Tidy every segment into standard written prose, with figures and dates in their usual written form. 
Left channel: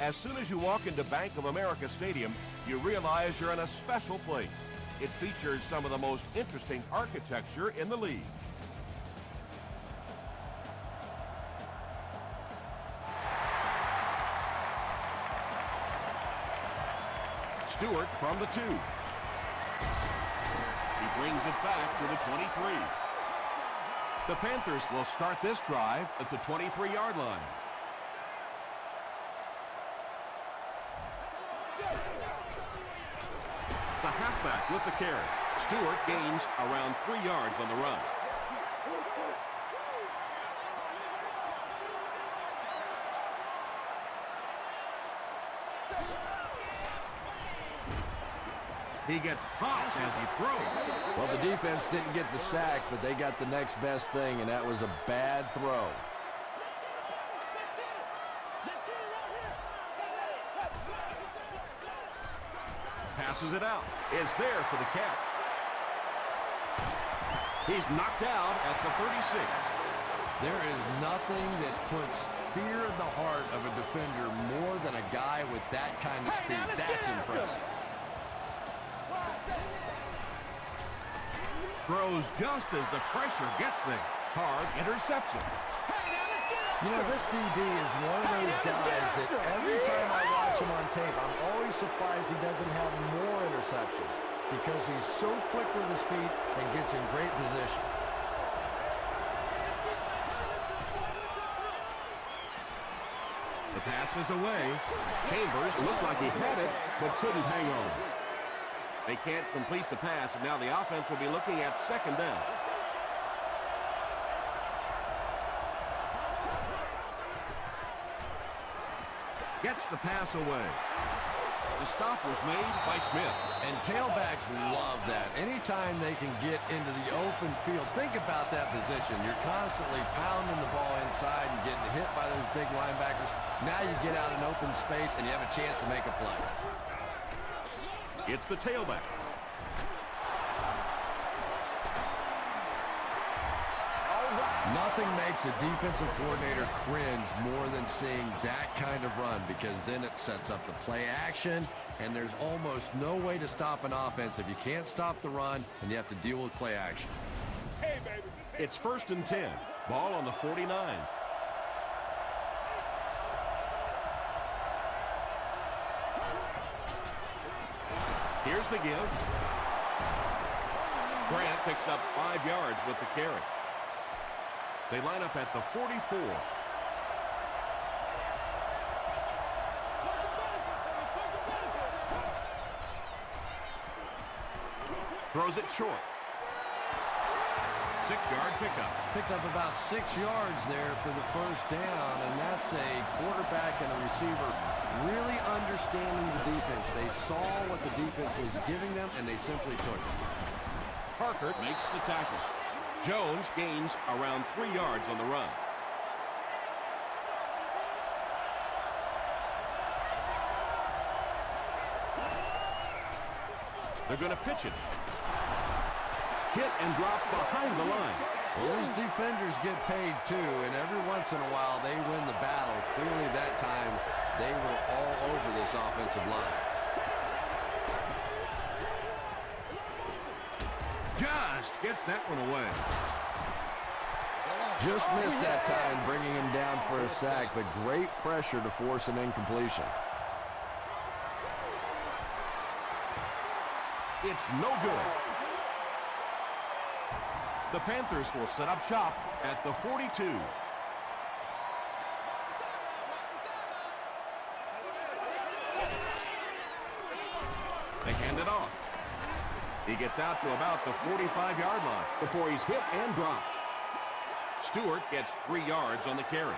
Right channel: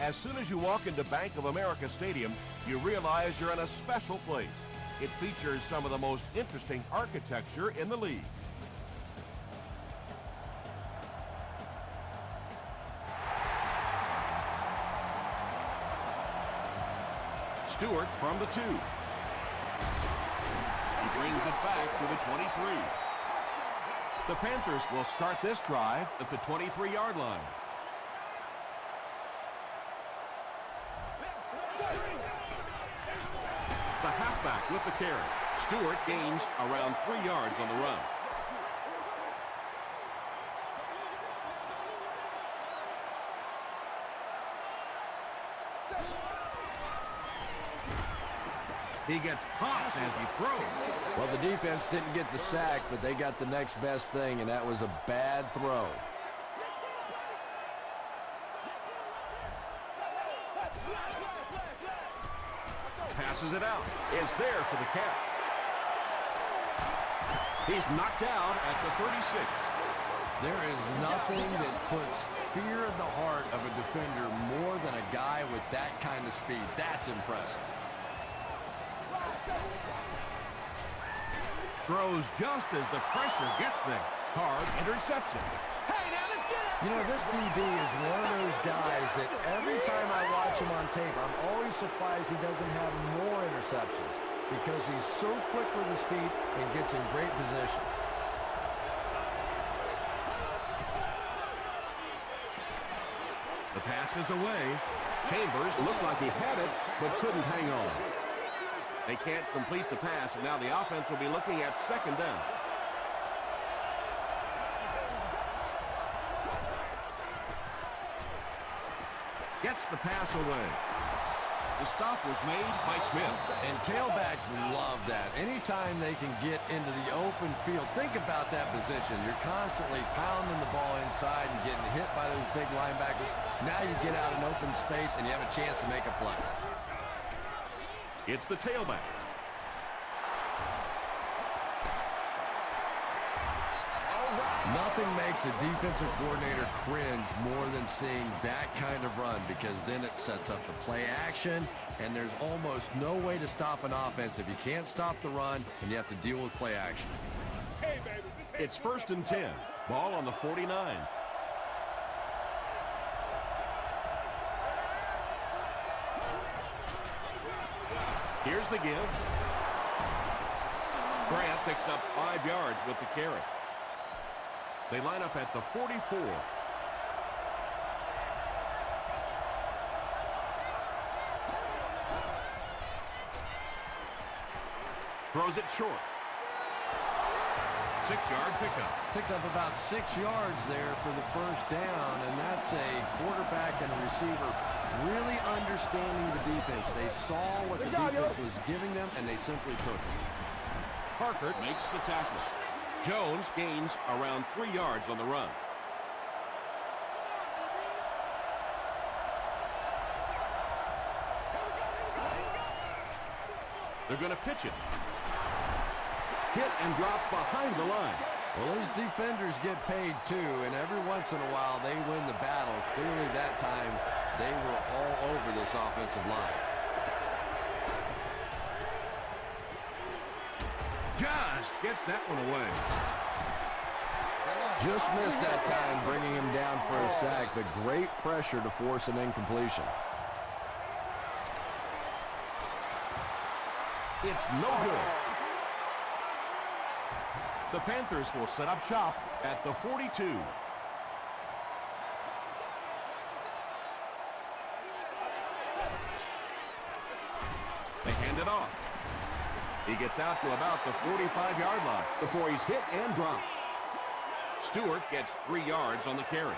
As soon as you walk into Bank of America Stadium, you realize you're in a special place. It features some of the most interesting architecture in the league. Stewart from the 2. He brings it back to the 23. The Panthers will start this drive at the 23-yard line. The halfback with the carry. Stewart gains around 3 yards on the run. He gets popped as he throws. Well, the defense didn't get the sack, but they got the next best thing, and that was a bad throw. Passes it out. Is there for the catch. He's knocked out at the 36. There is nothing that puts fear in the heart of a defender more than a guy with that kind of speed. That's impressive. Throws just as the pressure gets there. Hard interception. Hey, now let's get it! You know, this DB is one of those guys that every time I watch him on tape, I'm always surprised he doesn't have more interceptions because he's so quick with his feet and gets in great position. The pass is away. Chambers looked like he had it, but couldn't hang on. They can't complete the pass, and now the offense will be looking at second down. Gets the pass away. The stop was made by Smith. And tailbacks love that. Anytime they can get into the open field, think about that position. You're constantly pounding the ball inside and getting hit by those big linebackers. Now you get out in open space and you have a chance to make a play. It's the tailback. Nothing makes a defensive coordinator cringe more than seeing that kind of run, because then it sets up the play action, and there's almost no way to stop an offense if you can't stop the run and you have to deal with play action. Hey, baby. It's 1st and 10. Ball on the 49. Here's the give. Grant picks up 5 yards with the carry. They line up at the 44. Throws it short. 6-yard pickup. Picked up about 6 yards there for the first down, and that's a quarterback and a receiver really understanding the defense. They saw what the defense was giving them, and they simply took it. Parker makes the tackle. Jones gains around 3 yards on the run. They're going to pitch it. Hit and drop behind the line. Well, those defenders get paid too, and every once in a while they win the battle. Clearly that time they were all over this offensive line. Just gets that one away. Just missed that time, bringing him down for a sack, but great pressure to force an incompletion. It's no good. The Panthers will set up shop at the 42. They hand it off. He gets out to about the 45-yard line before he's hit and dropped. Stewart gets 3 yards on the carry.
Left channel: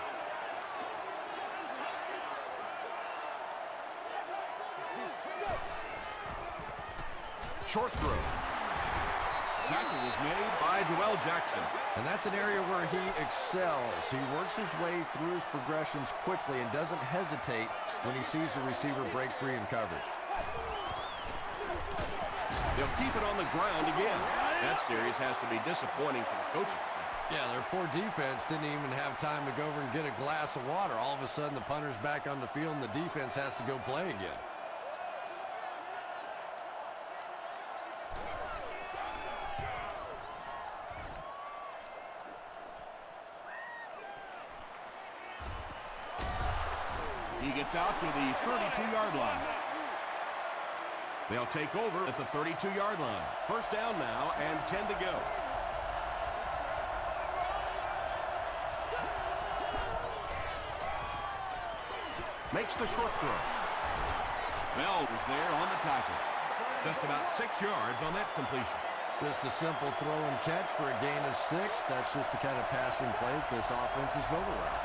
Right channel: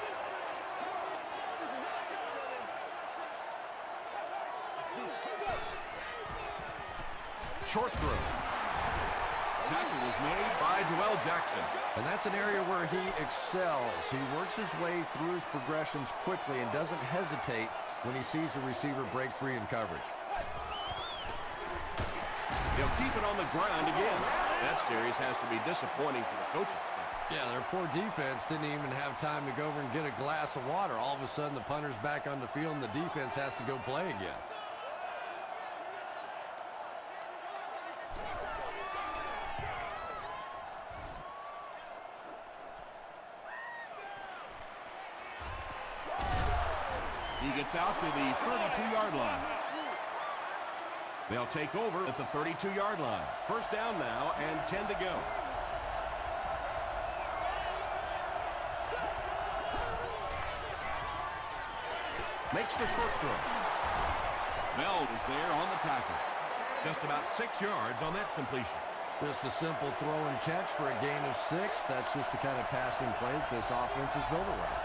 Short throw. Tackle was made by Joel Jackson. And that's an area where he excels. He works his way through his progressions quickly and doesn't hesitate when he sees a receiver break free in coverage. He'll keep it on the ground again. That series has to be disappointing for the coaching staff. Yeah, their poor defense didn't even have time to go over and get a glass of water. All of a sudden, the punter's back on the field, and the defense has to go play again. He gets out to the 32-yard line. They'll take over at the 32-yard line. First down now and 10 to go. Makes the short throw. Bell was there on the tackle. Just about 6 yards on that completion. Just a simple throw and catch for a gain of 6. That's just the kind of passing play that this offense is built around.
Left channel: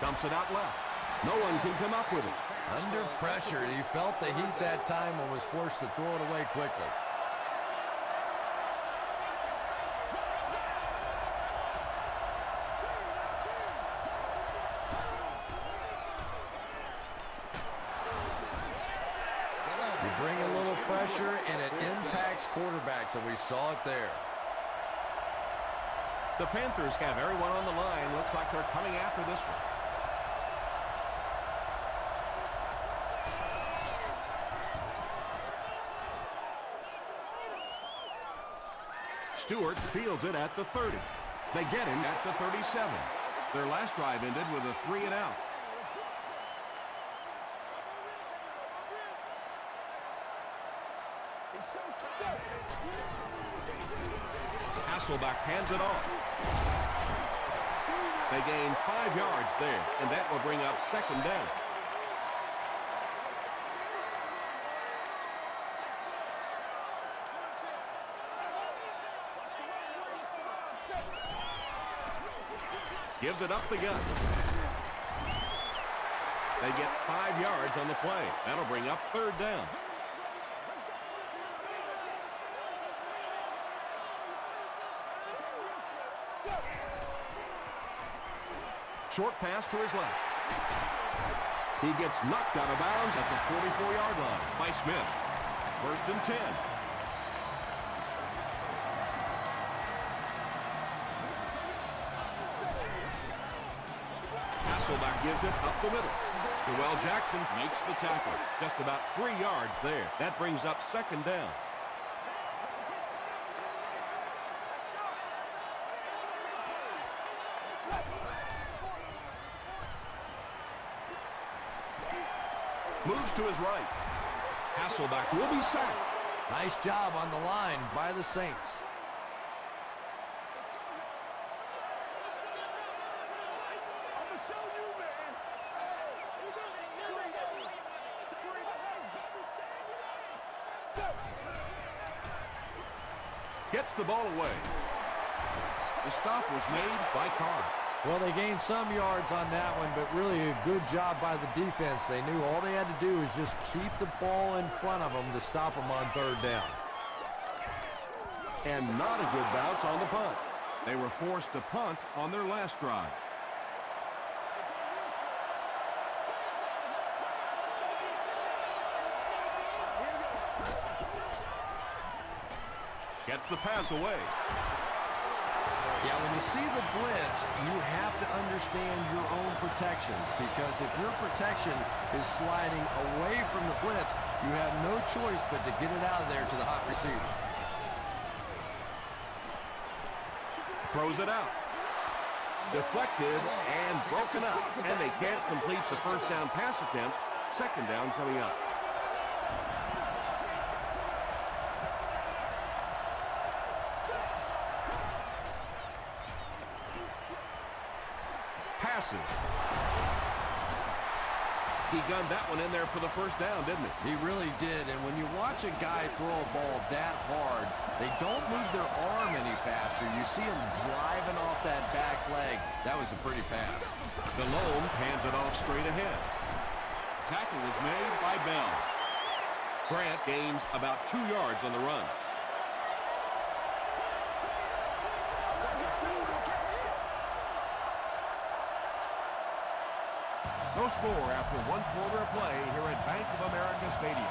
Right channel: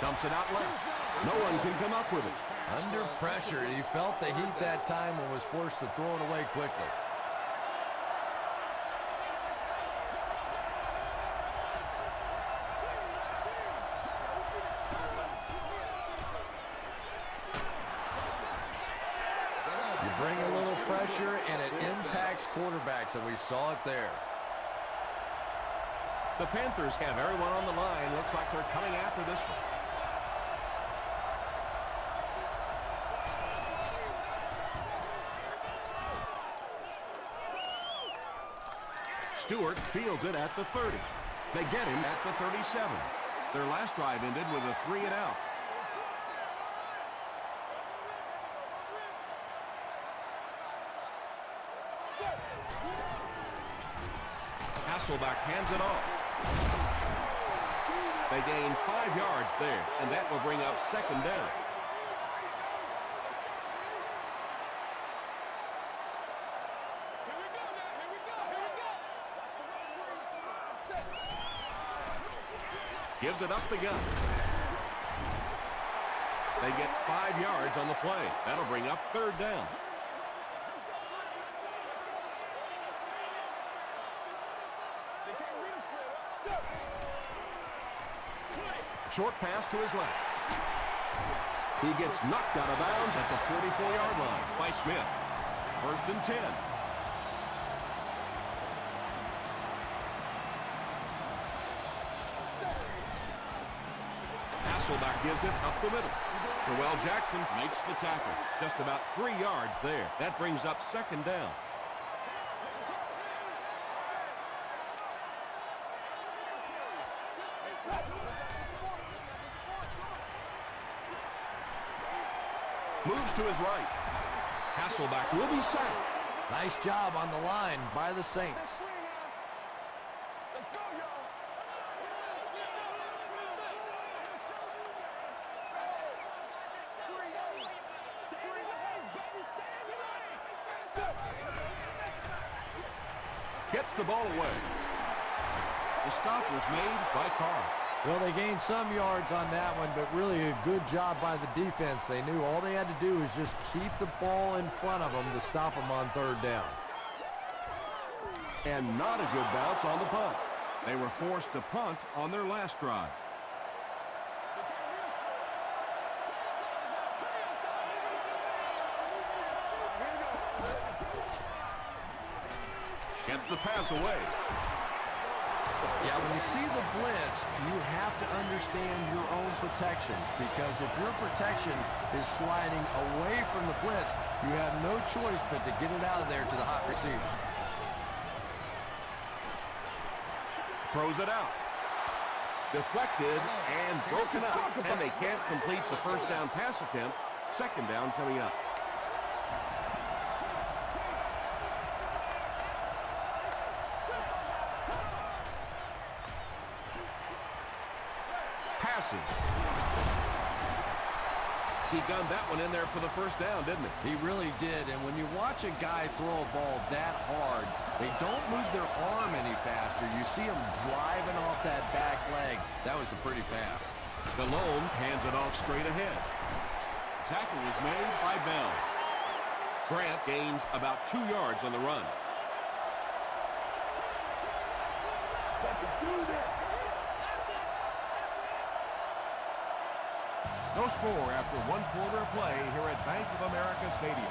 Dumps it out left. No one can come up with it. Under pressure, he felt the heat that time and was forced to throw it away quickly. You bring a little pressure and it impacts quarterbacks, and we saw it there. The Panthers have everyone on the line. Looks like they're coming after this one. Stewart fields it at the 30. They get him at the 37. Their last drive ended with a 3-and-out. Hasselbeck hands it off. They gain 5 yards there, and that will bring up second down. Gives it up the gut. They get 5 yards on the play. That'll bring up third down. Short pass to his left. He gets knocked out of bounds at the 44-yard line by Smith. First and 10. Hasselbeck gives it up the middle. Noel Jackson makes the tackle. Just about 3 yards there. That brings up second down. Moves to his right. Hasselbeck will be sacked. Nice job on the line by the Saints. Gets the ball away. The stop was made by Carr. Well, they gained some yards on that one, but really a good job by the defense. They knew all they had to do was just keep the ball in front of them to stop them on third down. And not a good bounce on the punt. They were forced to punt on their last drive. Gets the pass away. Yeah, when you see the blitz, you have to understand your own protections, because if your protection is sliding away from the blitz, you have no choice but to get it out of there to the hot receiver. Throws it out. Deflected and broken up, and they can't complete the first down pass attempt. Second down coming up. Passes. He gunned that one in there for the first down, didn't he? He really did, and when you watch a guy throw a ball that hard, they don't move their arm any faster. You see him driving off that back leg. That was a pretty pass. Delhomme hands it off straight ahead. Tackle was made by Bell. Grant gains about 2 yards on the run. No score after 1 quarter of play here at Bank of America Stadium.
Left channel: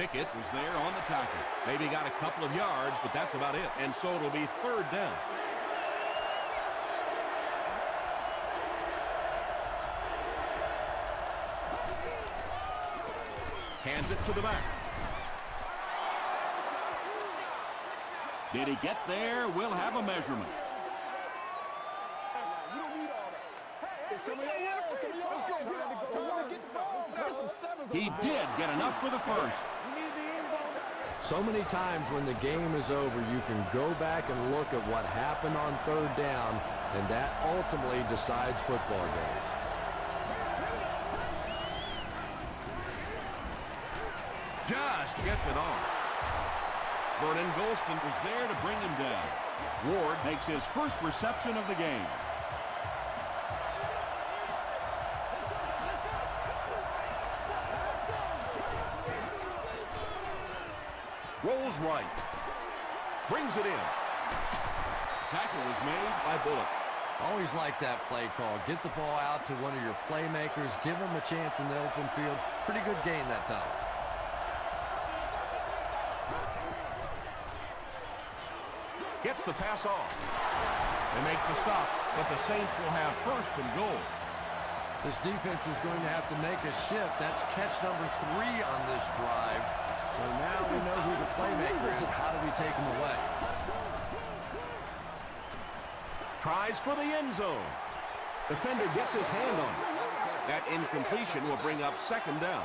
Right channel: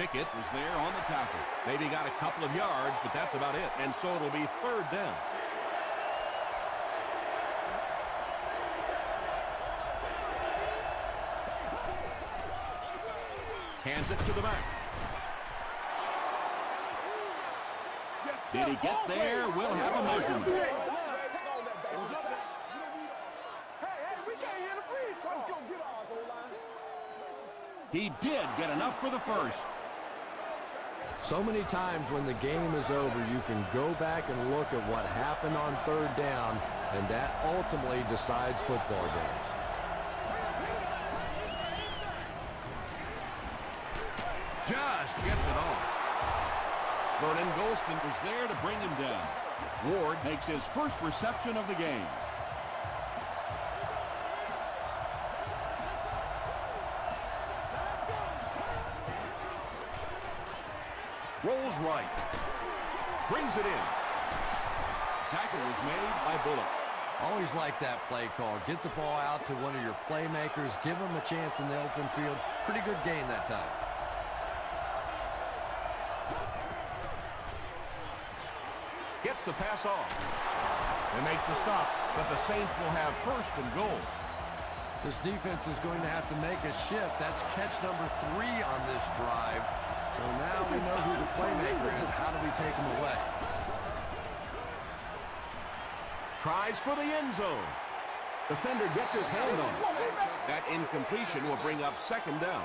Pickett was there on the tackle. Maybe got a couple of yards, but that's about it. And so it'll be third down. Hands it to the back. Did he get there? We'll have a measurement. He did get enough for the first. So many times when the game is over, you can go back and look at what happened on third down, and that ultimately decides football games. Just gets it on. Vernon Golston was there to bring him down. Ward makes his first reception of the game. Rolls right. Brings it in. Tackle was made by Bullock. Always like that play call. Get the ball out to one of your playmakers. Give them a chance in the open field. Pretty good gain that time. Gets the pass off. They make the stop, but the Saints will have first and goal. This defense is going to have to make a shift. That's catch number 3 on this drive. So now we know who the playmaker is. How do we take him away? Tries for the end zone. Defender gets his hand on it. That incompletion will bring up second down.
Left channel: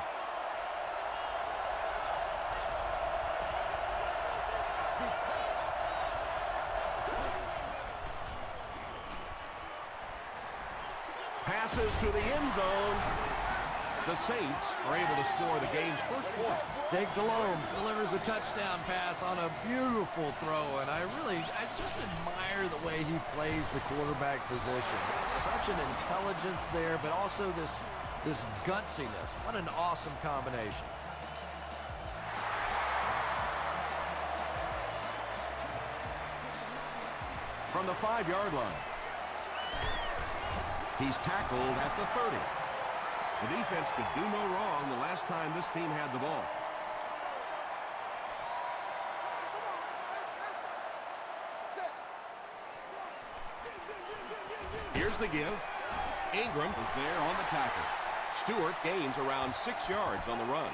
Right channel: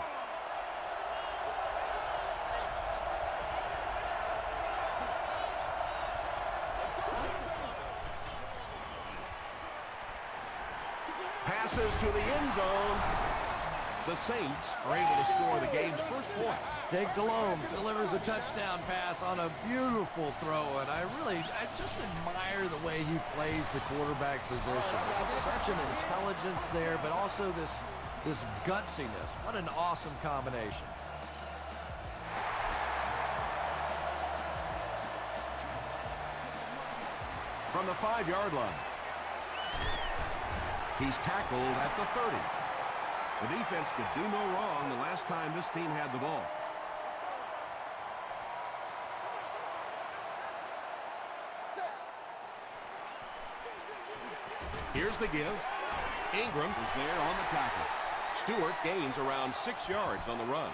Passes to the end zone. The Saints are able to score the game's first point. Jake Delhomme delivers a touchdown pass on a beautiful throw, and I just admire the way he plays the quarterback position. Such an intelligence there, but also this gutsiness. What an awesome combination. From the 5-yard line. He's tackled at the 30. The defense could do no wrong the last time this team had the ball. Here's the give. Ingram was there on the tackle. Stewart gains around 6 yards on the run.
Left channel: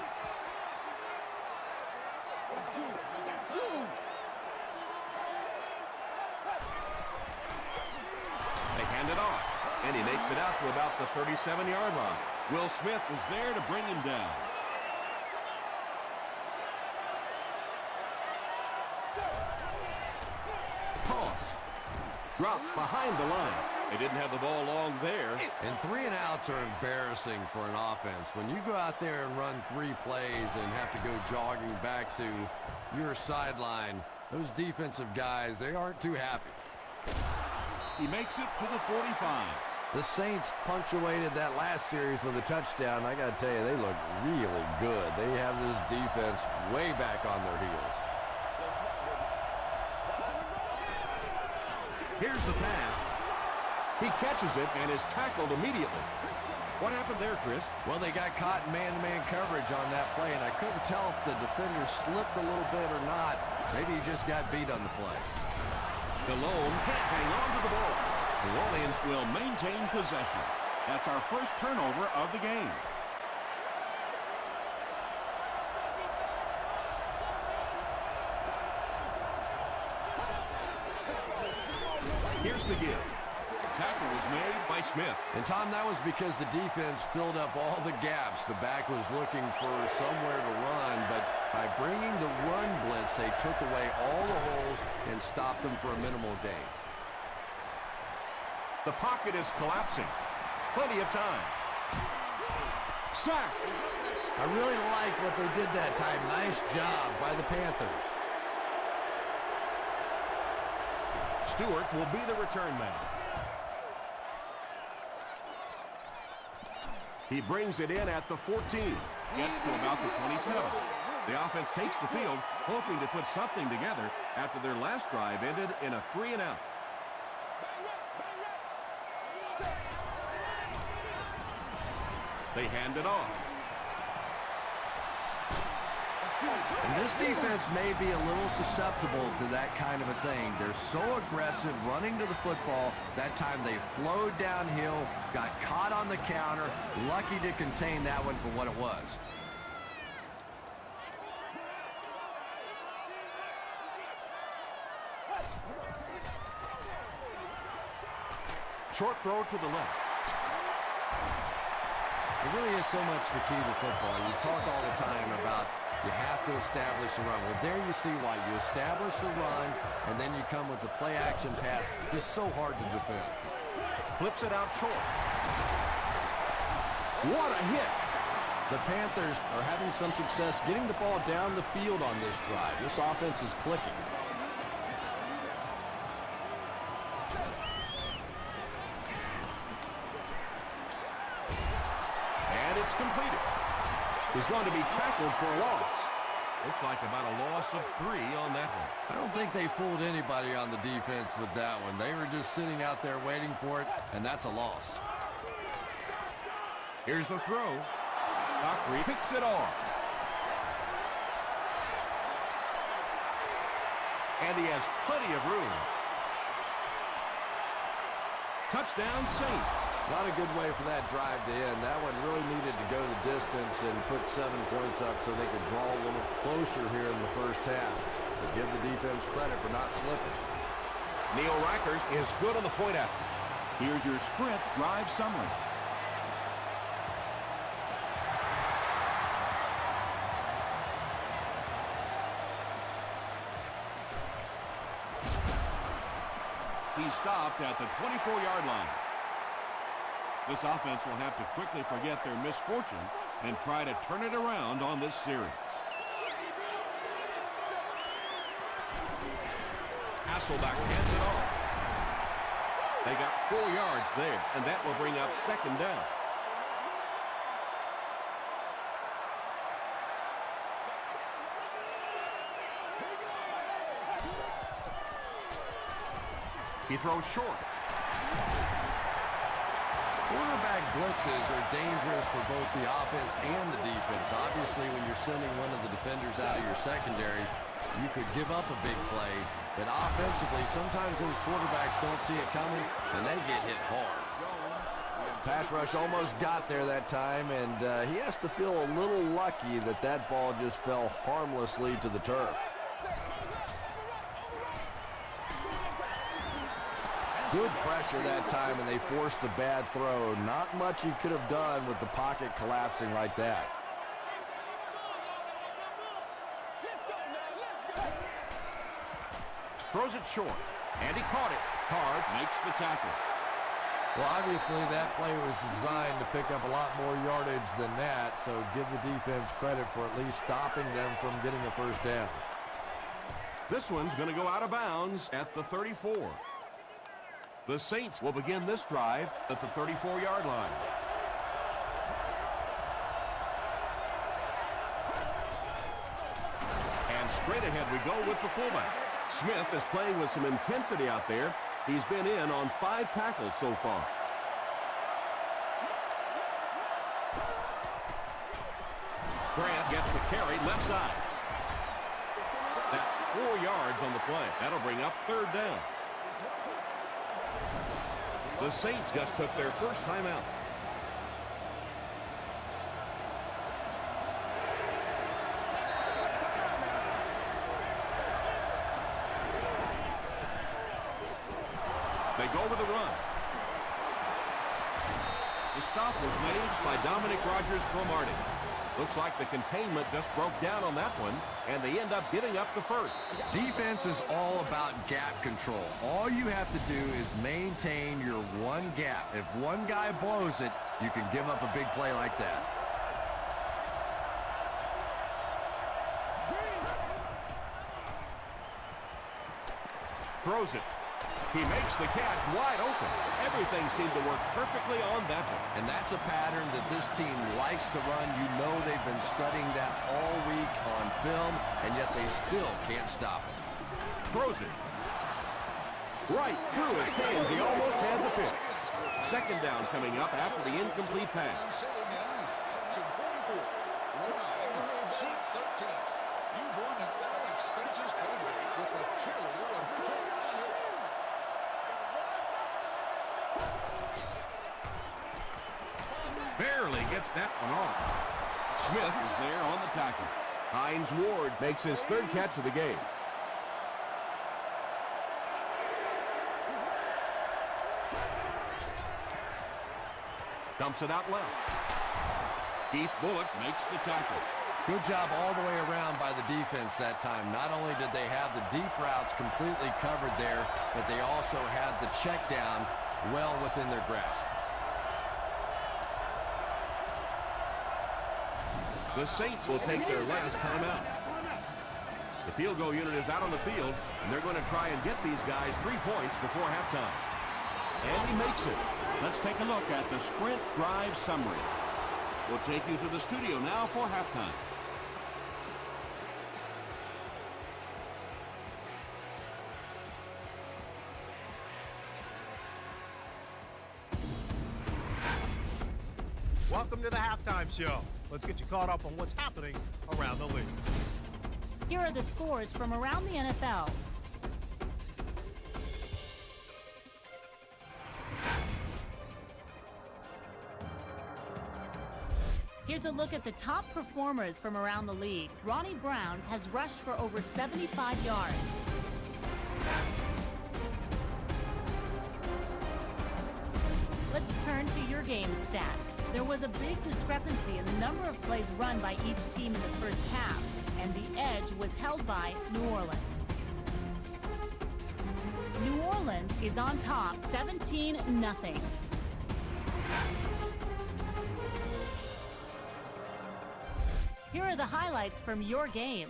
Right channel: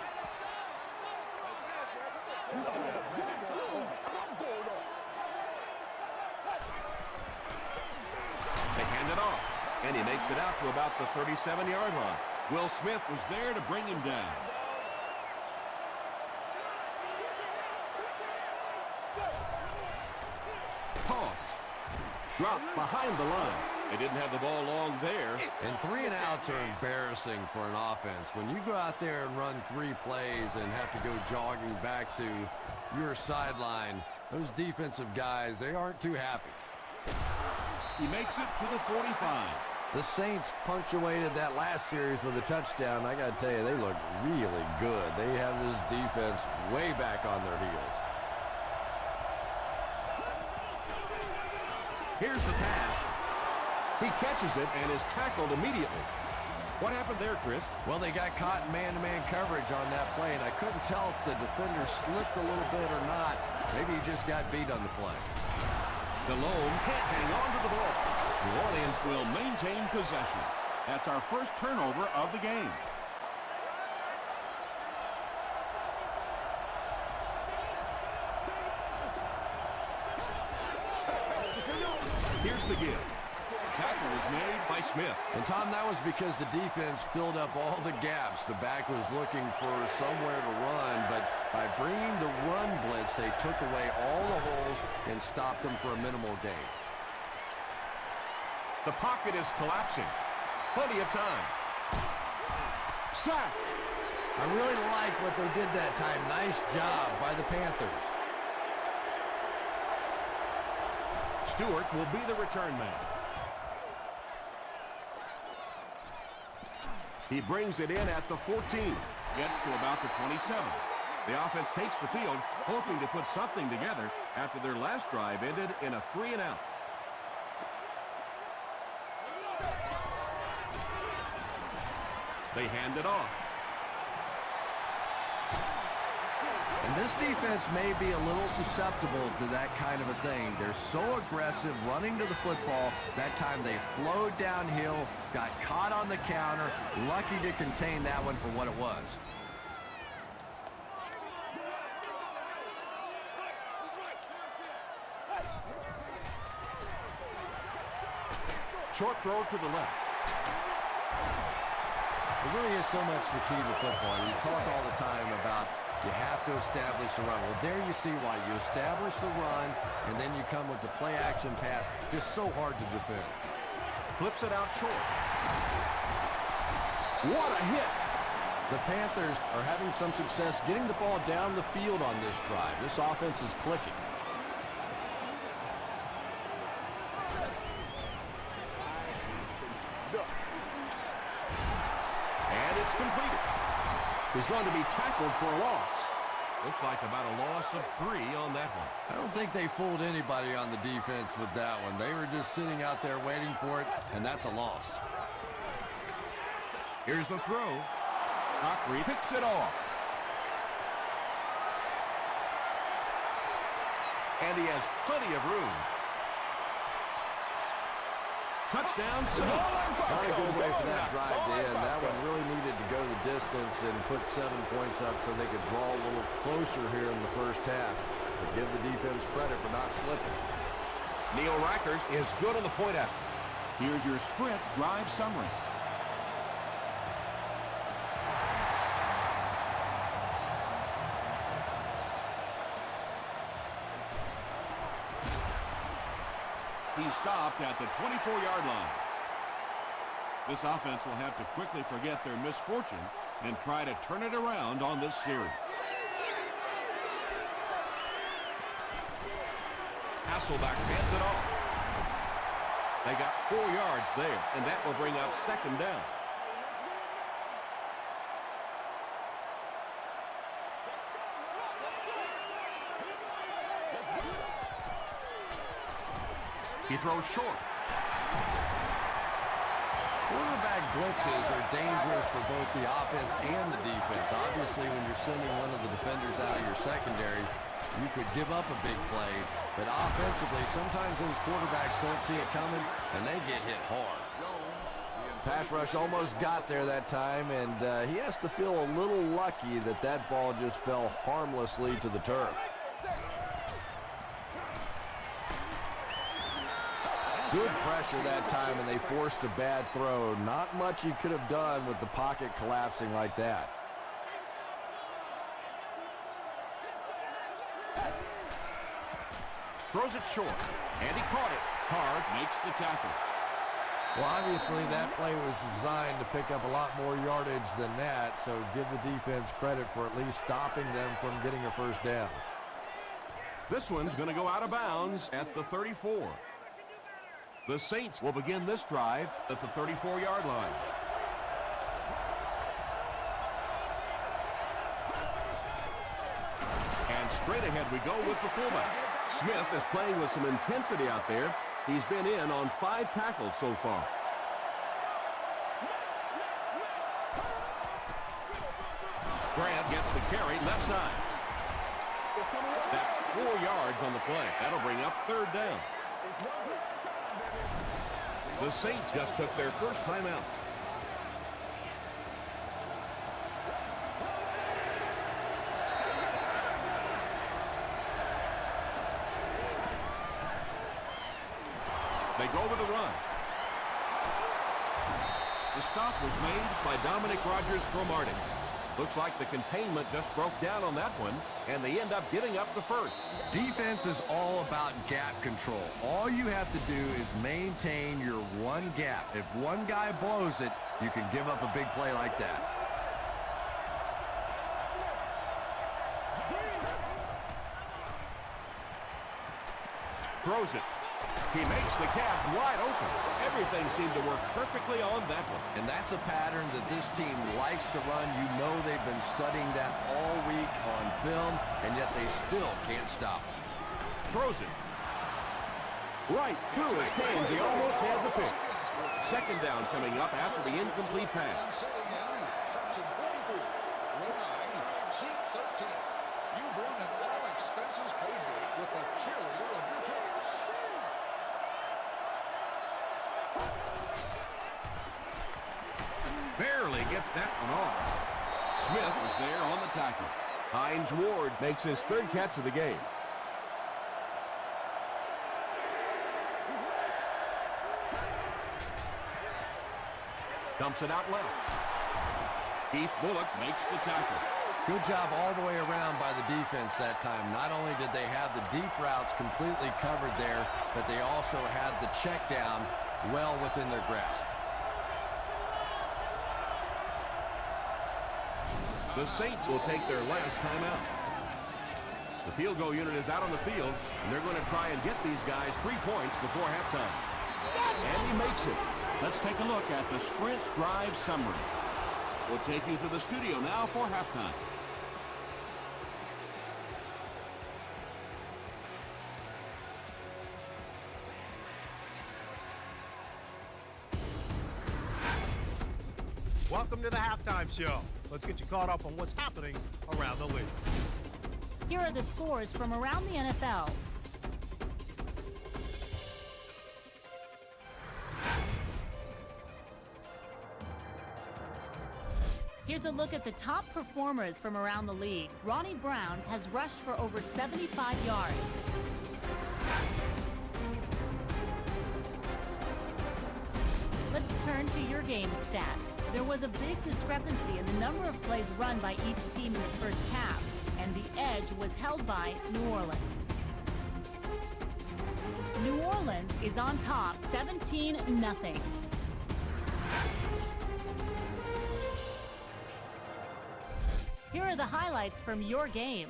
They hand it off, and he makes it out to about the 37-yard line. Will Smith was there to bring him down. Toss. Dropped behind the line. They didn't have the ball long there. And 3 and outs are embarrassing for an offense. When you go out there and run 3 plays and have to go jogging back to your sideline, those defensive guys, they aren't too happy. He makes it to the 45. The Saints punctuated that last series with a touchdown. I got to tell you, they look really good. They have this defense way back on their heels. Here's the pass. He catches it and is tackled immediately. What happened there, Chris? Well, they got caught in man-to-man coverage on that play, and I couldn't tell if the defender slipped a little bit or not. Maybe he just got beat on the play. Delhomme can't hang on to the ball. New Orleans will maintain possession. That's our first turnover of the game. Here's the give. Tackle was made by Smith. And, Tom, that was because the defense filled up all the gaps. The back was looking for somewhere to run, but by bringing the run blitz, they took away all the holes and stopped them for a minimal gain. The pocket is collapsing. Plenty of time. Sack. I really like what they did that time. Nice job by the Panthers. Stewart will be the return man. He brings it in at the 14. Gets to about the 27. The offense takes the field, hoping to put something together after their last drive ended in a 3 and out. They hand it off. And this defense may be a little susceptible to that kind of a thing. They're so aggressive running to the football. That time they flowed downhill, got caught on the counter, lucky to contain that one for what it was. Short throw to the left. It really is so much the key to football. You talk all the time about you have to establish the run. Well, there you see why. You establish the run, and then you come with the play-action pass. It's so hard to defend. Flips it out short. What a hit! The Panthers are having some success getting the ball down the field on this drive. This offense is clicking. And it's completed. He's going to be tackled for a loss. Looks like about a loss of 3 on that one. I don't think they fooled anybody on the defense with that one. They were just sitting out there waiting for it, and that's a loss. Here's the throw. Dockery picks it off. And he has plenty of room. Touchdown, Saints. Not a good way for that drive to end. That one really needed to go the distance and put 7 points up so they could draw a little closer here in the first half. But give the defense credit for not slipping. Neil Rackers is good on the point after. Here's your sprint drive summary. He's stopped at the 24-yard line. This offense will have to quickly forget their misfortune and try to turn it around on this series. Hasselbeck hands it off. They got 4 yards there, and that will bring up second down. He throws short. Quarterback blitzes are dangerous for both the offense and the defense. Obviously, when you're sending one of the defenders out of your secondary, you could give up a big play. But offensively, sometimes those quarterbacks don't see it coming, and they get hit hard. Pass rush almost got there that time, and he has to feel a little lucky that that ball just fell harmlessly to the turf. Good pressure that time, and they forced a bad throw. Not much he could have done with the pocket collapsing like that. Throws it short, and he caught it. Hard makes the tackle. Well, obviously that play was designed to pick up a lot more yardage than that, so give the defense credit for at least stopping them from getting a first down. This one's going to go out of bounds at the 34. The Saints will begin this drive at the 34-yard line. And straight ahead we go with the fullback. Smith is playing with some intensity out there. He's been in on 5 tackles so far. Grant gets the carry left side. That's 4 yards on the play. That'll bring up third down. The Saints just took their first time out. They go with a run. The stop was made by Dominic Rodgers-Cromartie. Looks like the containment just broke down on that one, and they end up giving up the first. Defense is all about gap control. All you have to do is maintain your one gap. If one guy blows it, you can give up a big play like that. Throws it. He makes the catch wide open. Everything seemed to work perfectly on that one. And that's a pattern that this team likes to run. You know they've been studying that all week on film, and yet they still can't stop it. Throws it. Right through his hands. He almost has the pick. Second down coming up after the incomplete pass. Expenses paid with a cheerleader of the Barely gets that one off. Smith is there on the tackle. Hines Ward makes his third catch of the game. Dumps it out left. Keith Bullock makes the tackle. Good job all the way around by the defense that time. Not only did they have the deep routes completely covered there, but they also had the check down well within their grasp. The Saints will take their last timeout. The field goal unit is out on the field, and they're going to try and get these guys 3 points before halftime. And he makes it. Let's take a look at the sprint drive summary. We'll take you to the studio now for halftime. Welcome to the halftime show. Let's get you caught up on what's happening around the league. Here are the scores from around the NFL. Here's a look at the top performers from around the league. Ronnie Brown has rushed for over 75 yards. Let's turn to your game stats. There was a big discrepancy in the number of plays run by each team in the first half, and the edge was held by New Orleans. New Orleans is on top, 17-0. Here are the highlights from your game.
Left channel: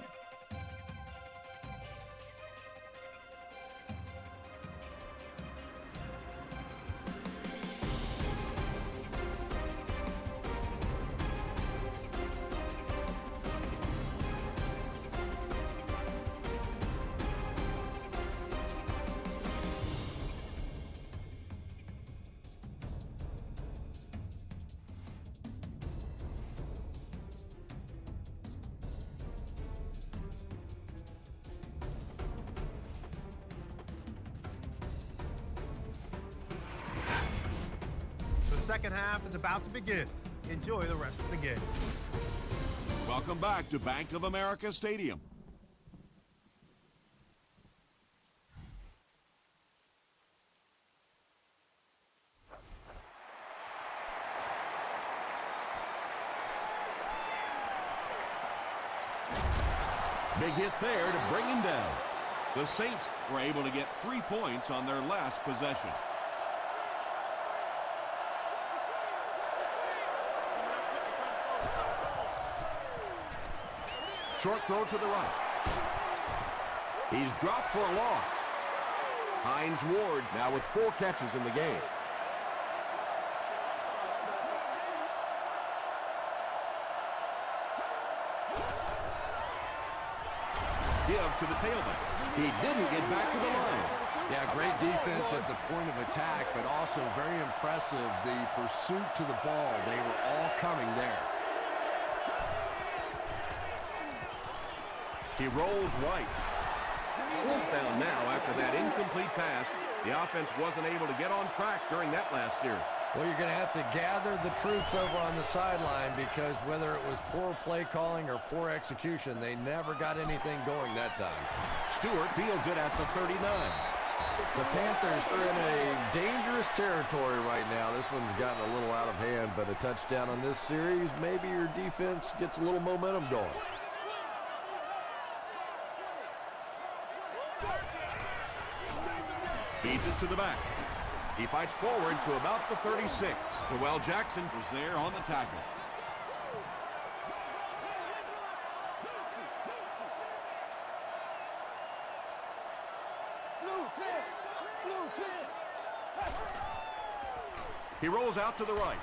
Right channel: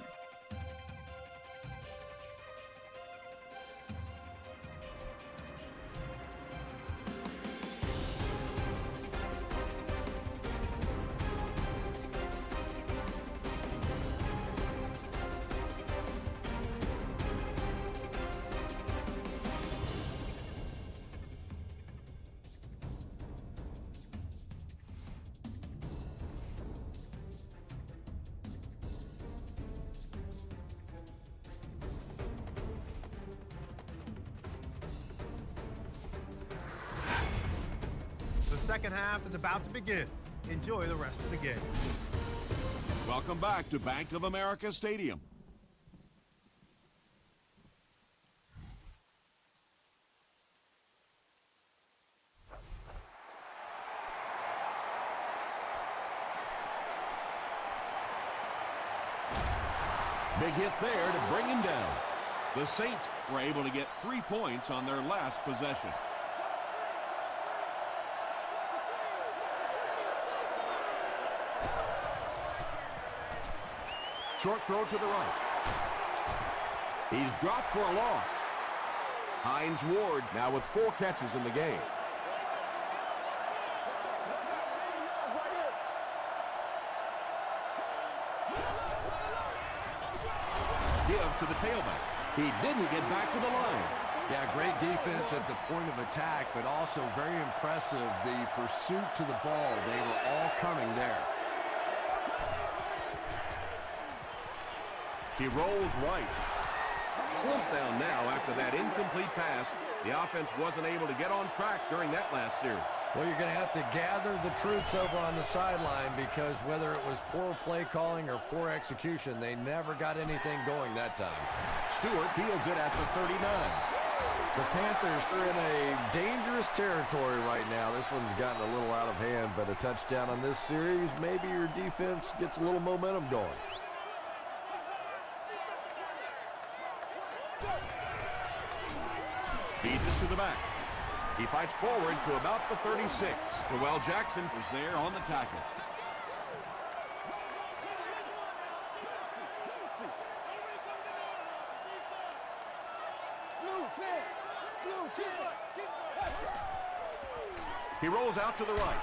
The second half is about to begin. Enjoy the rest of the game. Welcome back to Bank of America Stadium. Big hit there to bring him down. The Saints were able to get 3 points on their last possession. Short throw to the right. He's dropped for a loss. Hines Ward now with 4 catches in the game. Give to the tailback. He didn't get back to the line. Yeah, great defense at the point of attack, but also very impressive the pursuit to the ball. They were all coming there. He rolls right. Fourth down now after that incomplete pass. The offense wasn't able to get on track during that last series. Well, you're going to have to gather the troops over on the sideline because whether it was poor play calling or poor execution, they never got anything going that time. Stewart fields it at the 39. The Panthers are in a dangerous territory right now. This one's gotten a little out of hand, but a touchdown on this series, maybe your defense gets a little momentum going. Feeds it to the back. He fights forward to about the 36. Well, Jackson was there on the tackle. He rolls out to the right.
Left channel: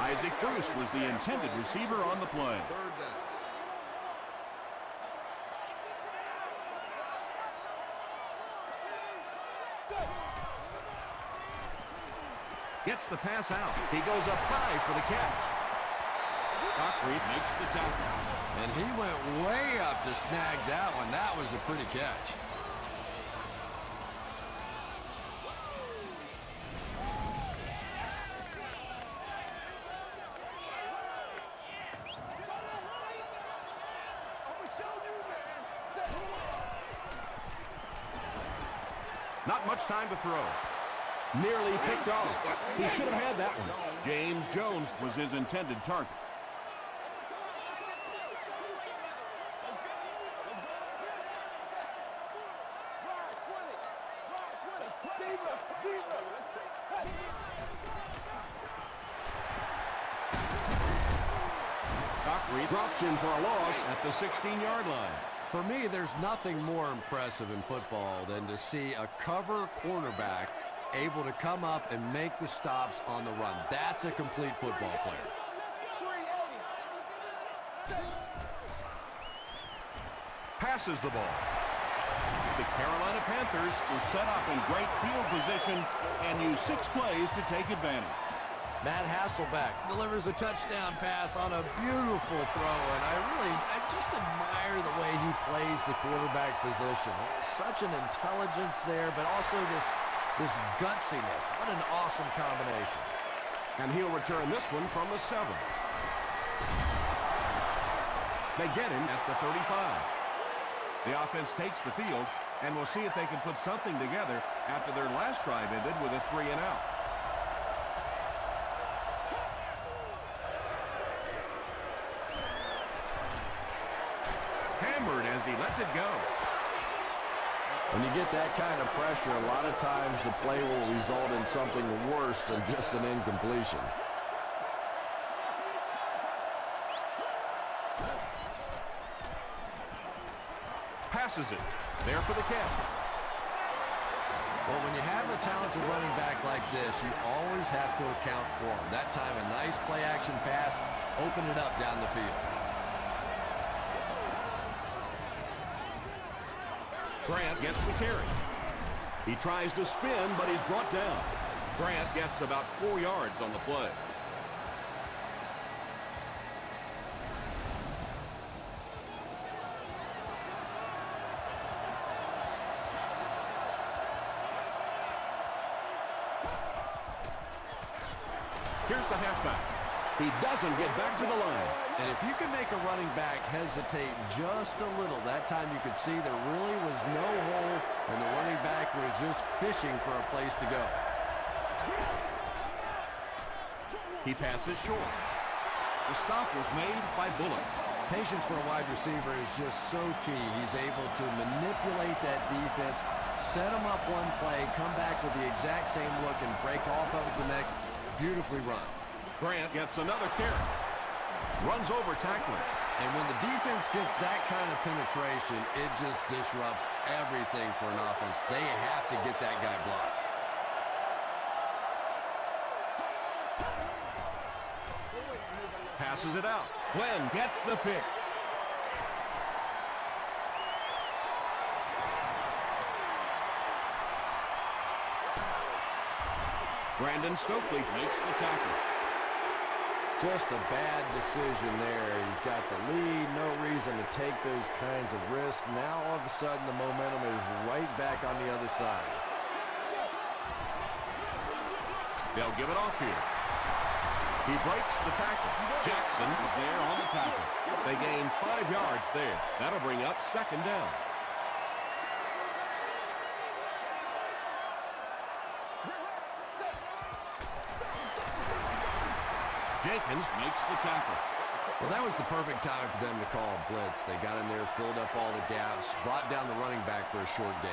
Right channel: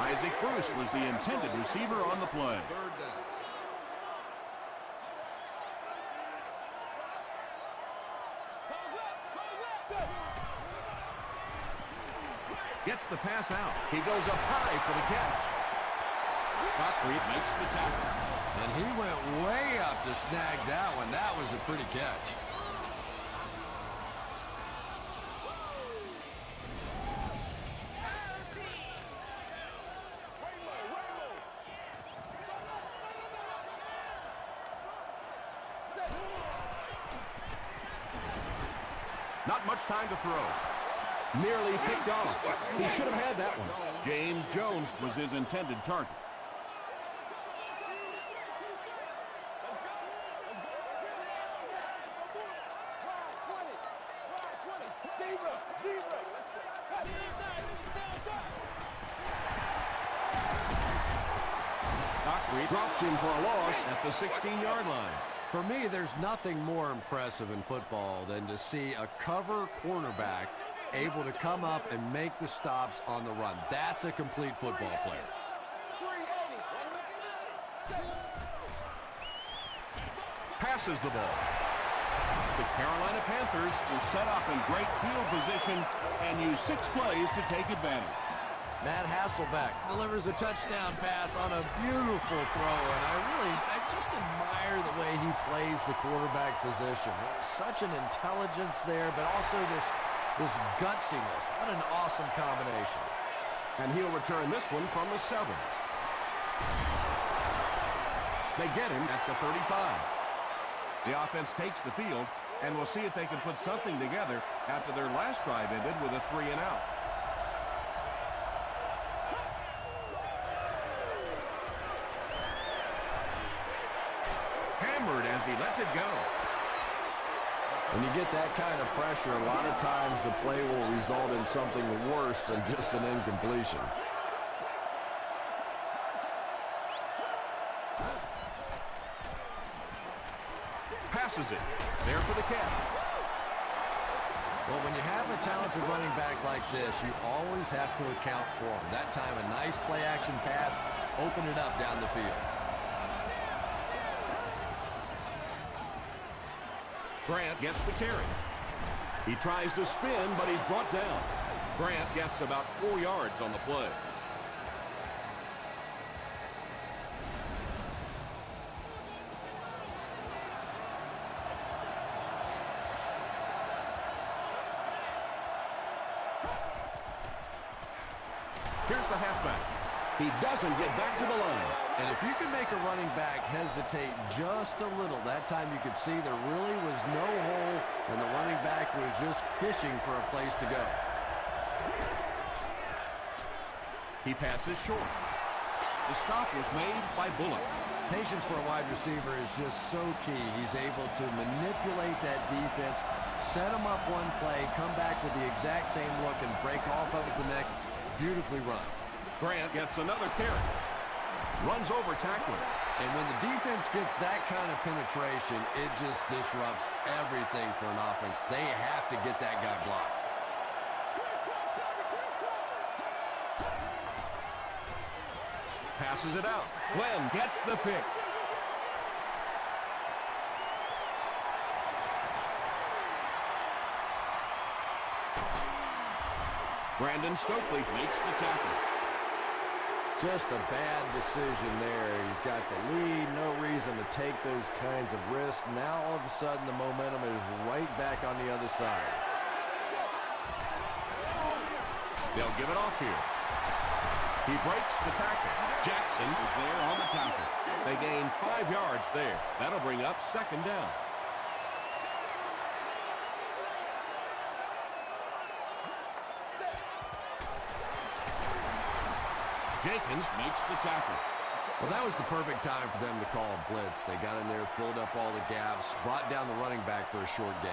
Isaac Bruce was the intended receiver on the play. Gets the pass out. He goes up high for the catch. Doc Reed makes the tackle. And he went way up to snag that one. That was a pretty catch. Not much time to throw. Nearly picked off. He should have had that one. James Jones Was his intended target. Doc Reed drops him for a loss at the 16-yard line. For me, there's nothing more impressive in football than to see a cover cornerback able to come up and make the stops on the run. That's a complete football player. 380. Passes the ball. The Carolina Panthers were set up in great field position and used 6 plays to take advantage. Matt Hasselbeck delivers a touchdown pass on a beautiful throw, and I just admire the way he plays the quarterback position. There's such an intelligence there, but also this gutsiness. What an awesome combination. And he'll return this one from the 7. They get him at the 35. The offense takes the field, and we'll see if they can put something together after their last drive ended with a 3-and-out. Hammered as he lets it go. When you get that kind of pressure, a lot of times the play will result in something worse than just an incompletion. Passes it. There for the catch. Well, when you have a talented running back like this, you always have to account for him. That time, a nice play-action pass opened it up down the field. Grant gets the carry. He tries to spin, but he's brought down. Grant gets about 4 yards on the play. Here's the halfback. He doesn't get back to the line. And if you can make a running back hesitate just a little, that time you could see there really was no hole, and the running back was just fishing for a place to go. He passes short. The stop was made by Bullock. Patience for a wide receiver is just so key. He's able to manipulate that defense, set them up one play, come back with the exact same look, and break off of it the next. Beautifully run. Grant gets another carry. Runs over tackler. And when the defense gets that kind of penetration, it just disrupts everything for an offense. They have to get that guy blocked. Passes it out. Glenn gets the pick. Brandon Stokely makes the tackle. Just a bad decision there. He's got the lead, no reason to take those kinds of risks. Now all of a sudden the momentum is right back on the other side. They'll give it off here. He breaks the tackle. Jackson is there on the tackle. They gain 5 yards there. That'll bring up 2nd down. Jenkins makes the tackle. Well, that was the perfect time for them to call a blitz. They got in there, filled up all the gaps, brought down the running back for a short gain.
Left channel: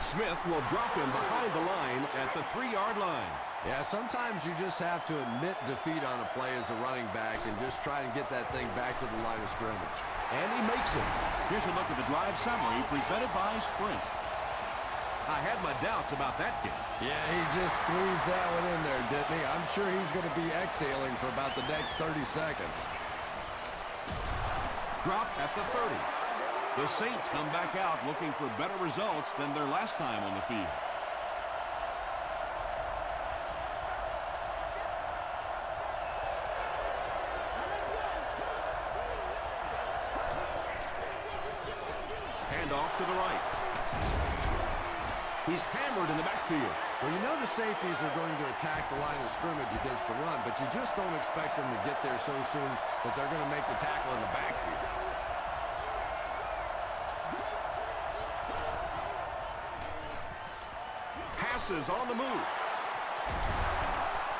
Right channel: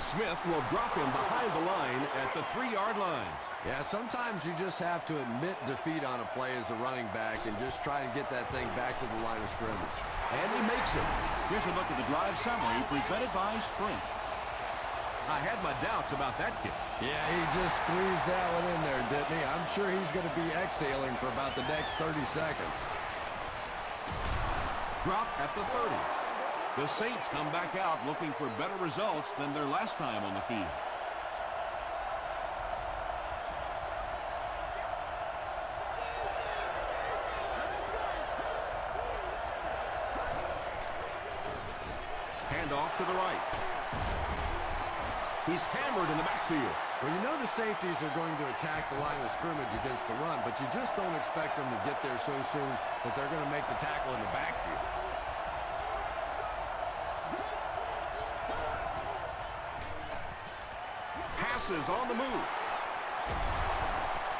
Smith will drop him behind the line at the 3-yard line. Yeah, sometimes you just have to admit defeat on a play as a running back and just try and get that thing back to the line of scrimmage. And he makes it. Here's a look at the drive summary presented by Sprint. I had my doubts about that kid. Yeah, he just squeezed that one in there, didn't he? I'm sure he's going to be exhaling for about the next 30 seconds. Drop at the 30. The Saints come back out looking for better results than their last time on the field. He's hammered in the backfield. Well, you know the safeties are going to attack the line of scrimmage against the run, but you just don't expect them to get there so soon that they're going to make the tackle in the backfield. Passes on the move.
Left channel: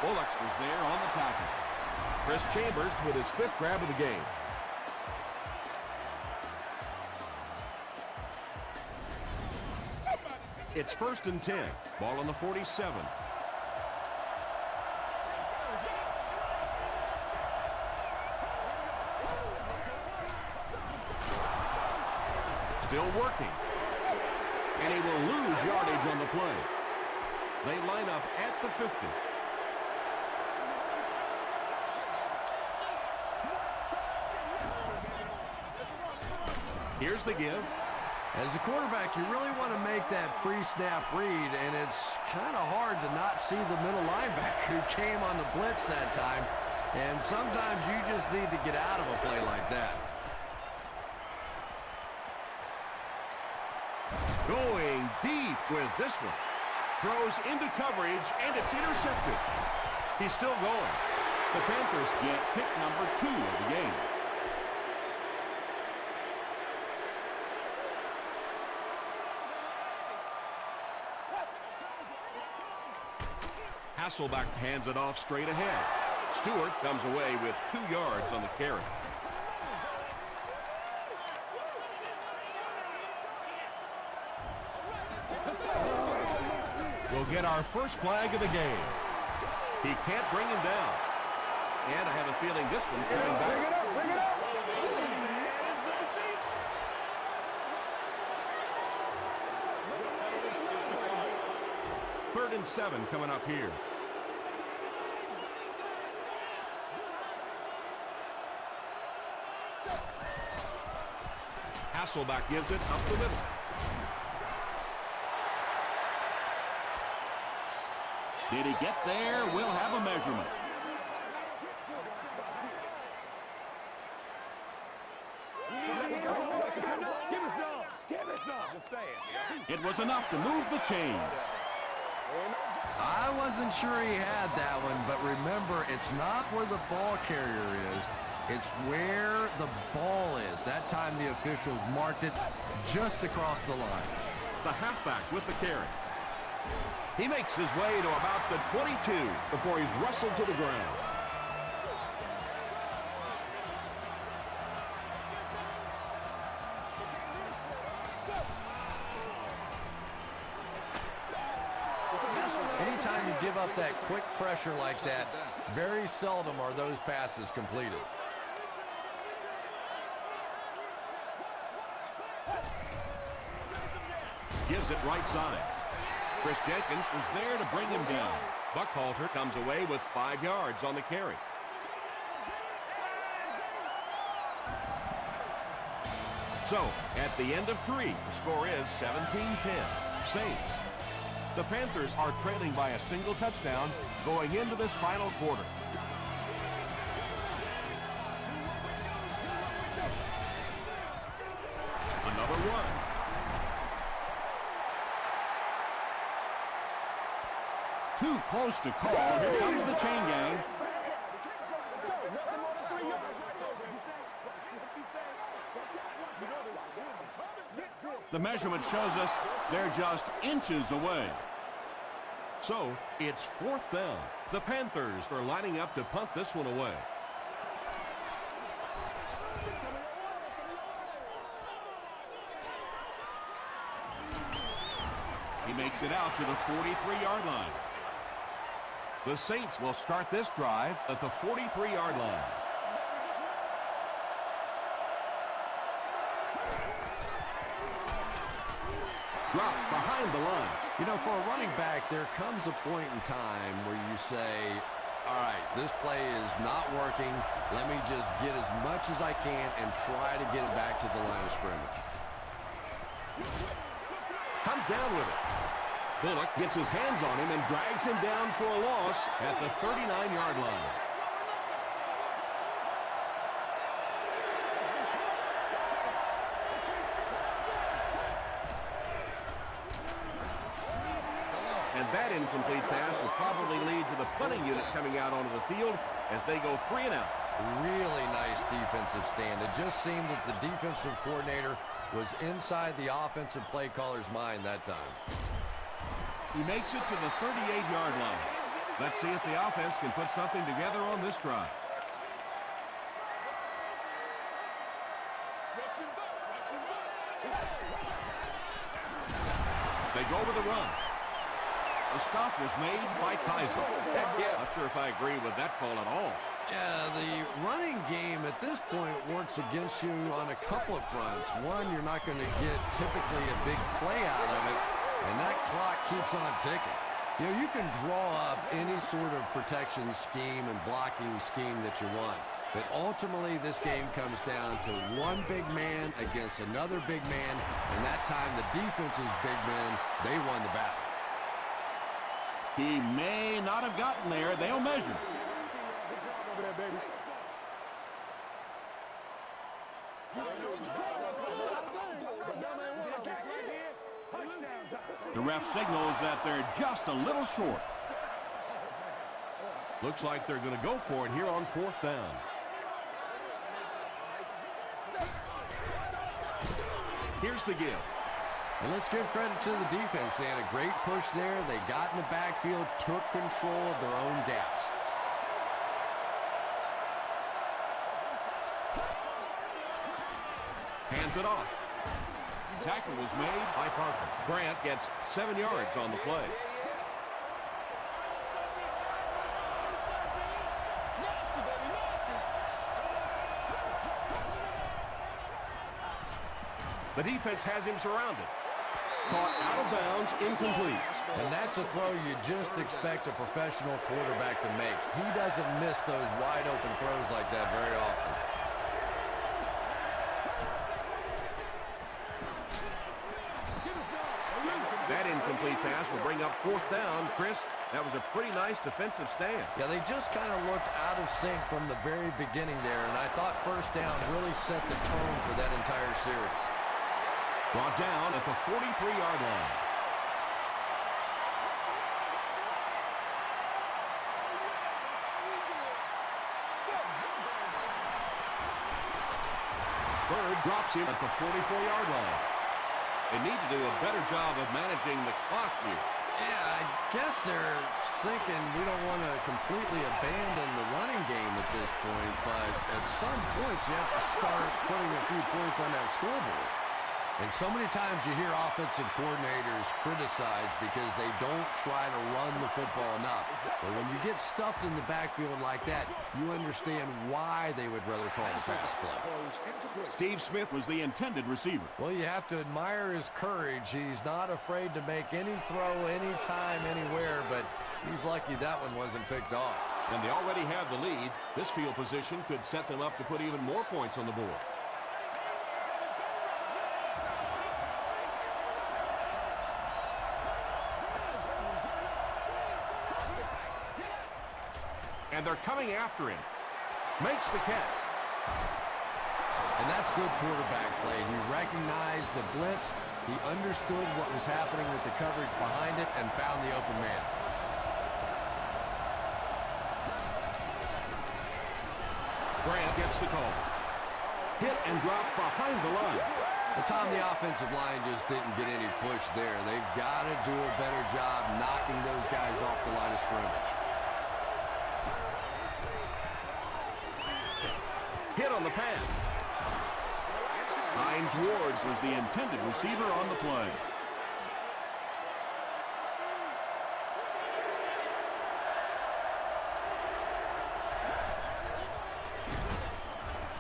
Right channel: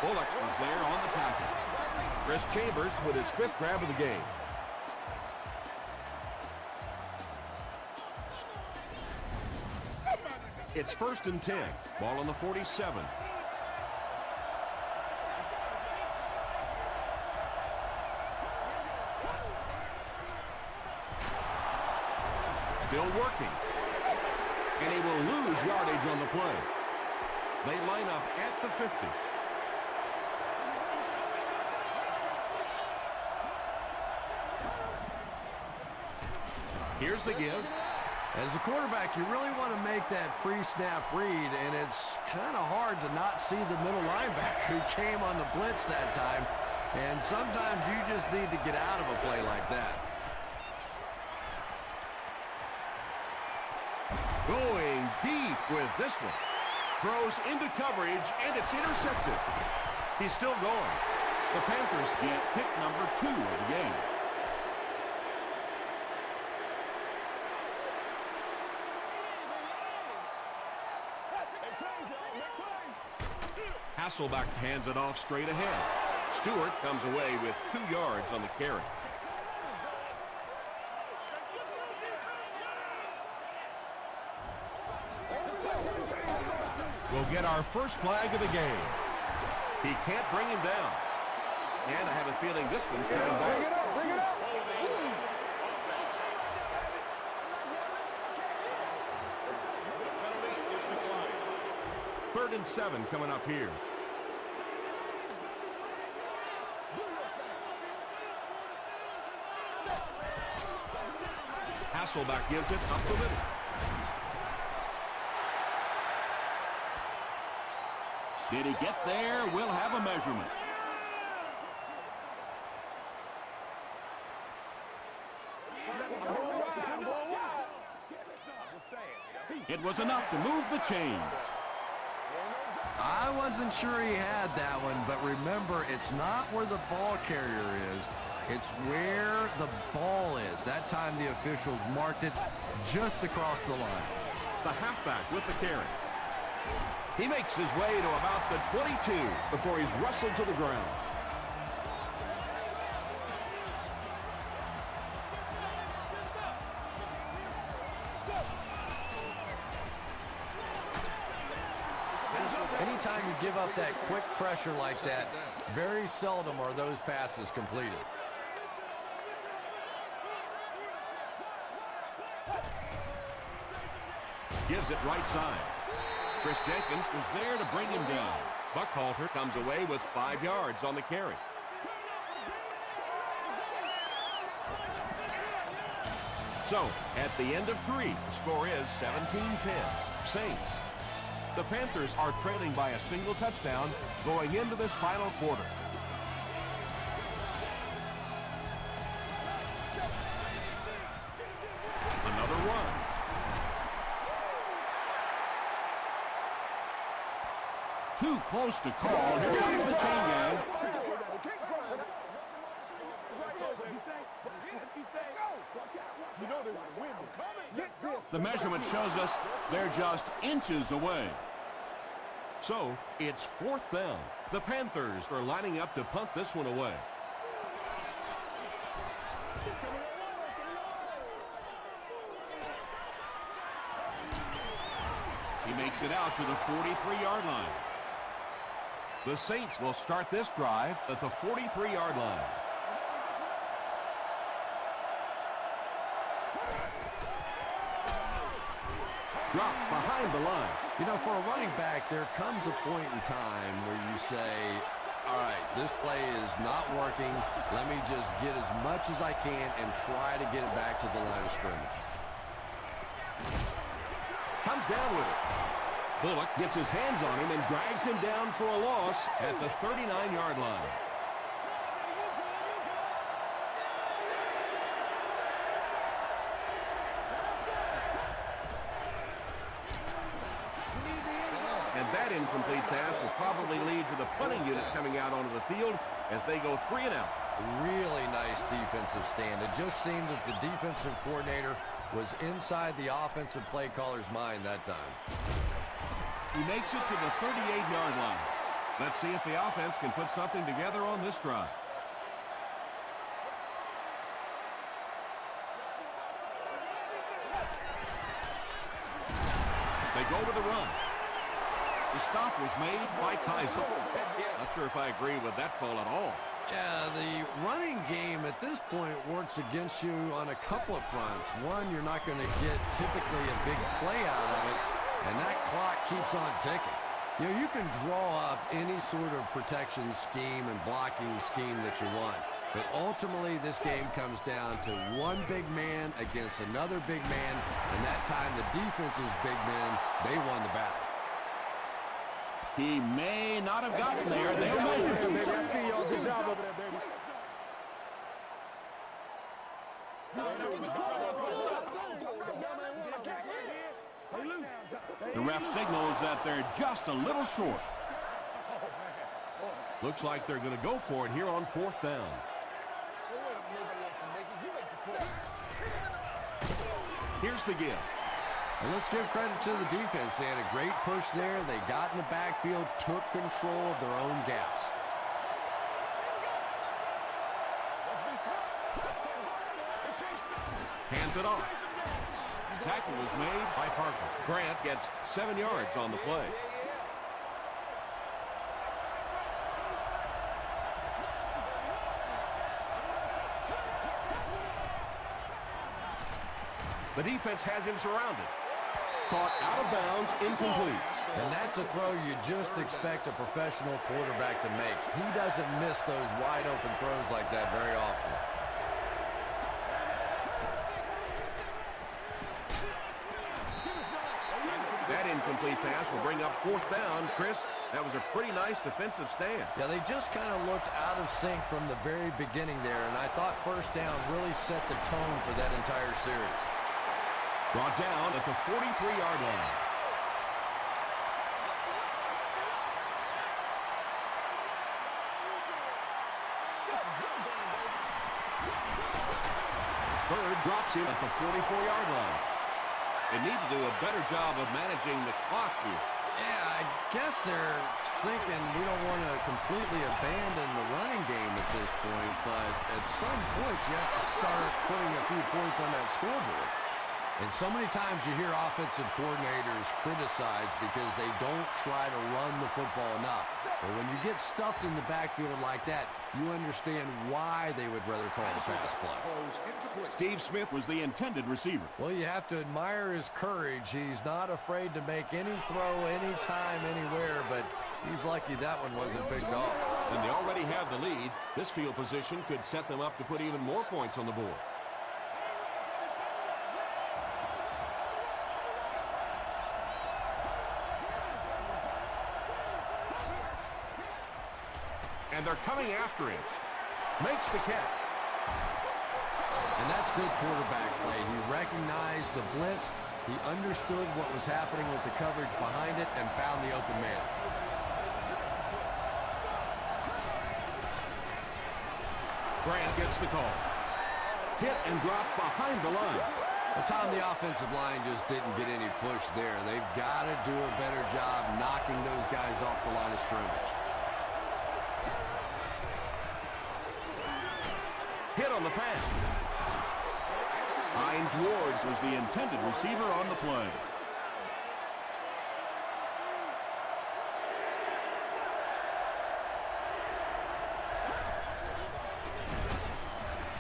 Bullocks was there on the tackle. Chris Chambers with his 5th grab of the game. It's 1st and 10. Ball on the 47. Still working. And he will lose yardage on the play. They line up at the 50. Here's the give. As a quarterback, you really want to make that pre-snap read, and it's kind of hard to not see the middle linebacker. He came on the blitz that time, and sometimes you just need to get out of a play like that. Going deep with this one. Throws into coverage, and it's intercepted. He's still going. The Panthers get pick number 2 of the game. Hasselbeck hands it off straight ahead. Stewart comes away with 2 yards on the carry. We'll get our first flag of the game. He can't bring him down. And I have a feeling this one's coming back. Bring it up, bring it up. The penalty is declined. 3rd and 7 coming up here. Hasselbeck gives it up the middle. Did he get there? We'll have a measurement. It was enough to move the chains. I wasn't sure he had that one, but remember, it's not where the ball carrier is. It's where the ball is. That time the officials marked it just across the line. The halfback with the carry. He makes his way to about the 22 before he's wrestled to the ground. Anytime you give up that quick pressure like that, very seldom are those passes completed. Gives it right side. Chris Jenkins was there to bring him down. Buckhalter comes away with 5 yards on the carry. So, at the end of 3, the score is 17-10. Saints. The Panthers are trailing by a single touchdown going into this final quarter. Another run. Too close to call. Here comes the chain gang. The measurement shows us they're just inches away. So, it's 4th down. The Panthers are lining up to punt this one away. He makes it out to the 43-yard line. The Saints will start this drive at the 43-yard line. Dropped behind the line. You know, for a running back, there comes a point in time where you say, all right, this play is not working. Let me just get as much as I can and try to get it back to the line of scrimmage. Comes down with it. Bullock gets his hands on him and drags him down for a loss at the 39-yard line. And that incomplete pass will probably lead to the punting unit coming out onto the field as they go 3 and out. Really nice defensive stand. It just seemed that the defensive coordinator was inside the offensive play caller's mind that time. He makes it to the 38-yard line. Let's see if the offense can put something together on this drive. They go with the run. The stop was made by Kaiser. Not sure if I agree with that call at all. Yeah, the running game at this point works against you on a couple of fronts. One, you're not going to get typically a big play out of it, and that clock keeps on ticking. You know, you can draw up any sort of protection scheme and blocking scheme that you want, but ultimately this game comes down to one big man against another big man, and that time the defense's big men, they won the battle. He may not have gotten there. They'll measure. Baby, I see y'all. Good job over there, baby. The ref signals that they're just a little short. Looks like they're going to go for it here on 4th down. Here's the give. And let's give credit to the defense. They had a great push there. They got in the backfield, took control of their own gaps. Hands it off. Tackle was made by Parker. Grant gets 7 yards on the play. The defense has him surrounded. Caught out of bounds, incomplete. And that's a throw you just expect a professional quarterback to make. He doesn't miss those wide open throws like that very often. That incomplete pass will bring up 4th down. Chris, that was a pretty nice defensive stand. Yeah, they just kind of looked out of sync from the very beginning there, and I thought 1st down really set the tone for that entire series. Brought down at the 43-yard line. Bird drops him at the 44-yard line. They need to do a better job of managing the clock here. Yeah, I guess they're thinking we don't want to completely abandon the running game at this point, but at some point you have to start putting a few points on that scoreboard. And so many times you hear offensive coordinators criticized because they don't try to run the football enough. But when you get stuffed in the backfield like that, you understand why they would rather call the pass play. Steve Smith was the intended receiver. Well, you have to admire his courage. He's not afraid to make any throw, anytime, anywhere, but he's lucky that one wasn't picked off. And they already have the lead. This field position could set them up to put even more points on the board. And they're coming after him. Makes the catch. And that's good quarterback play. He recognized the blitz. He understood what was happening with the coverage behind it and found the open man. Grant gets the call. Hit and drop behind the line. Well, Tom, the offensive line just didn't get any push there. They've got to do a better job knocking those guys off the line of scrimmage. Hit on the pass. Hines Ward was the intended receiver on the play.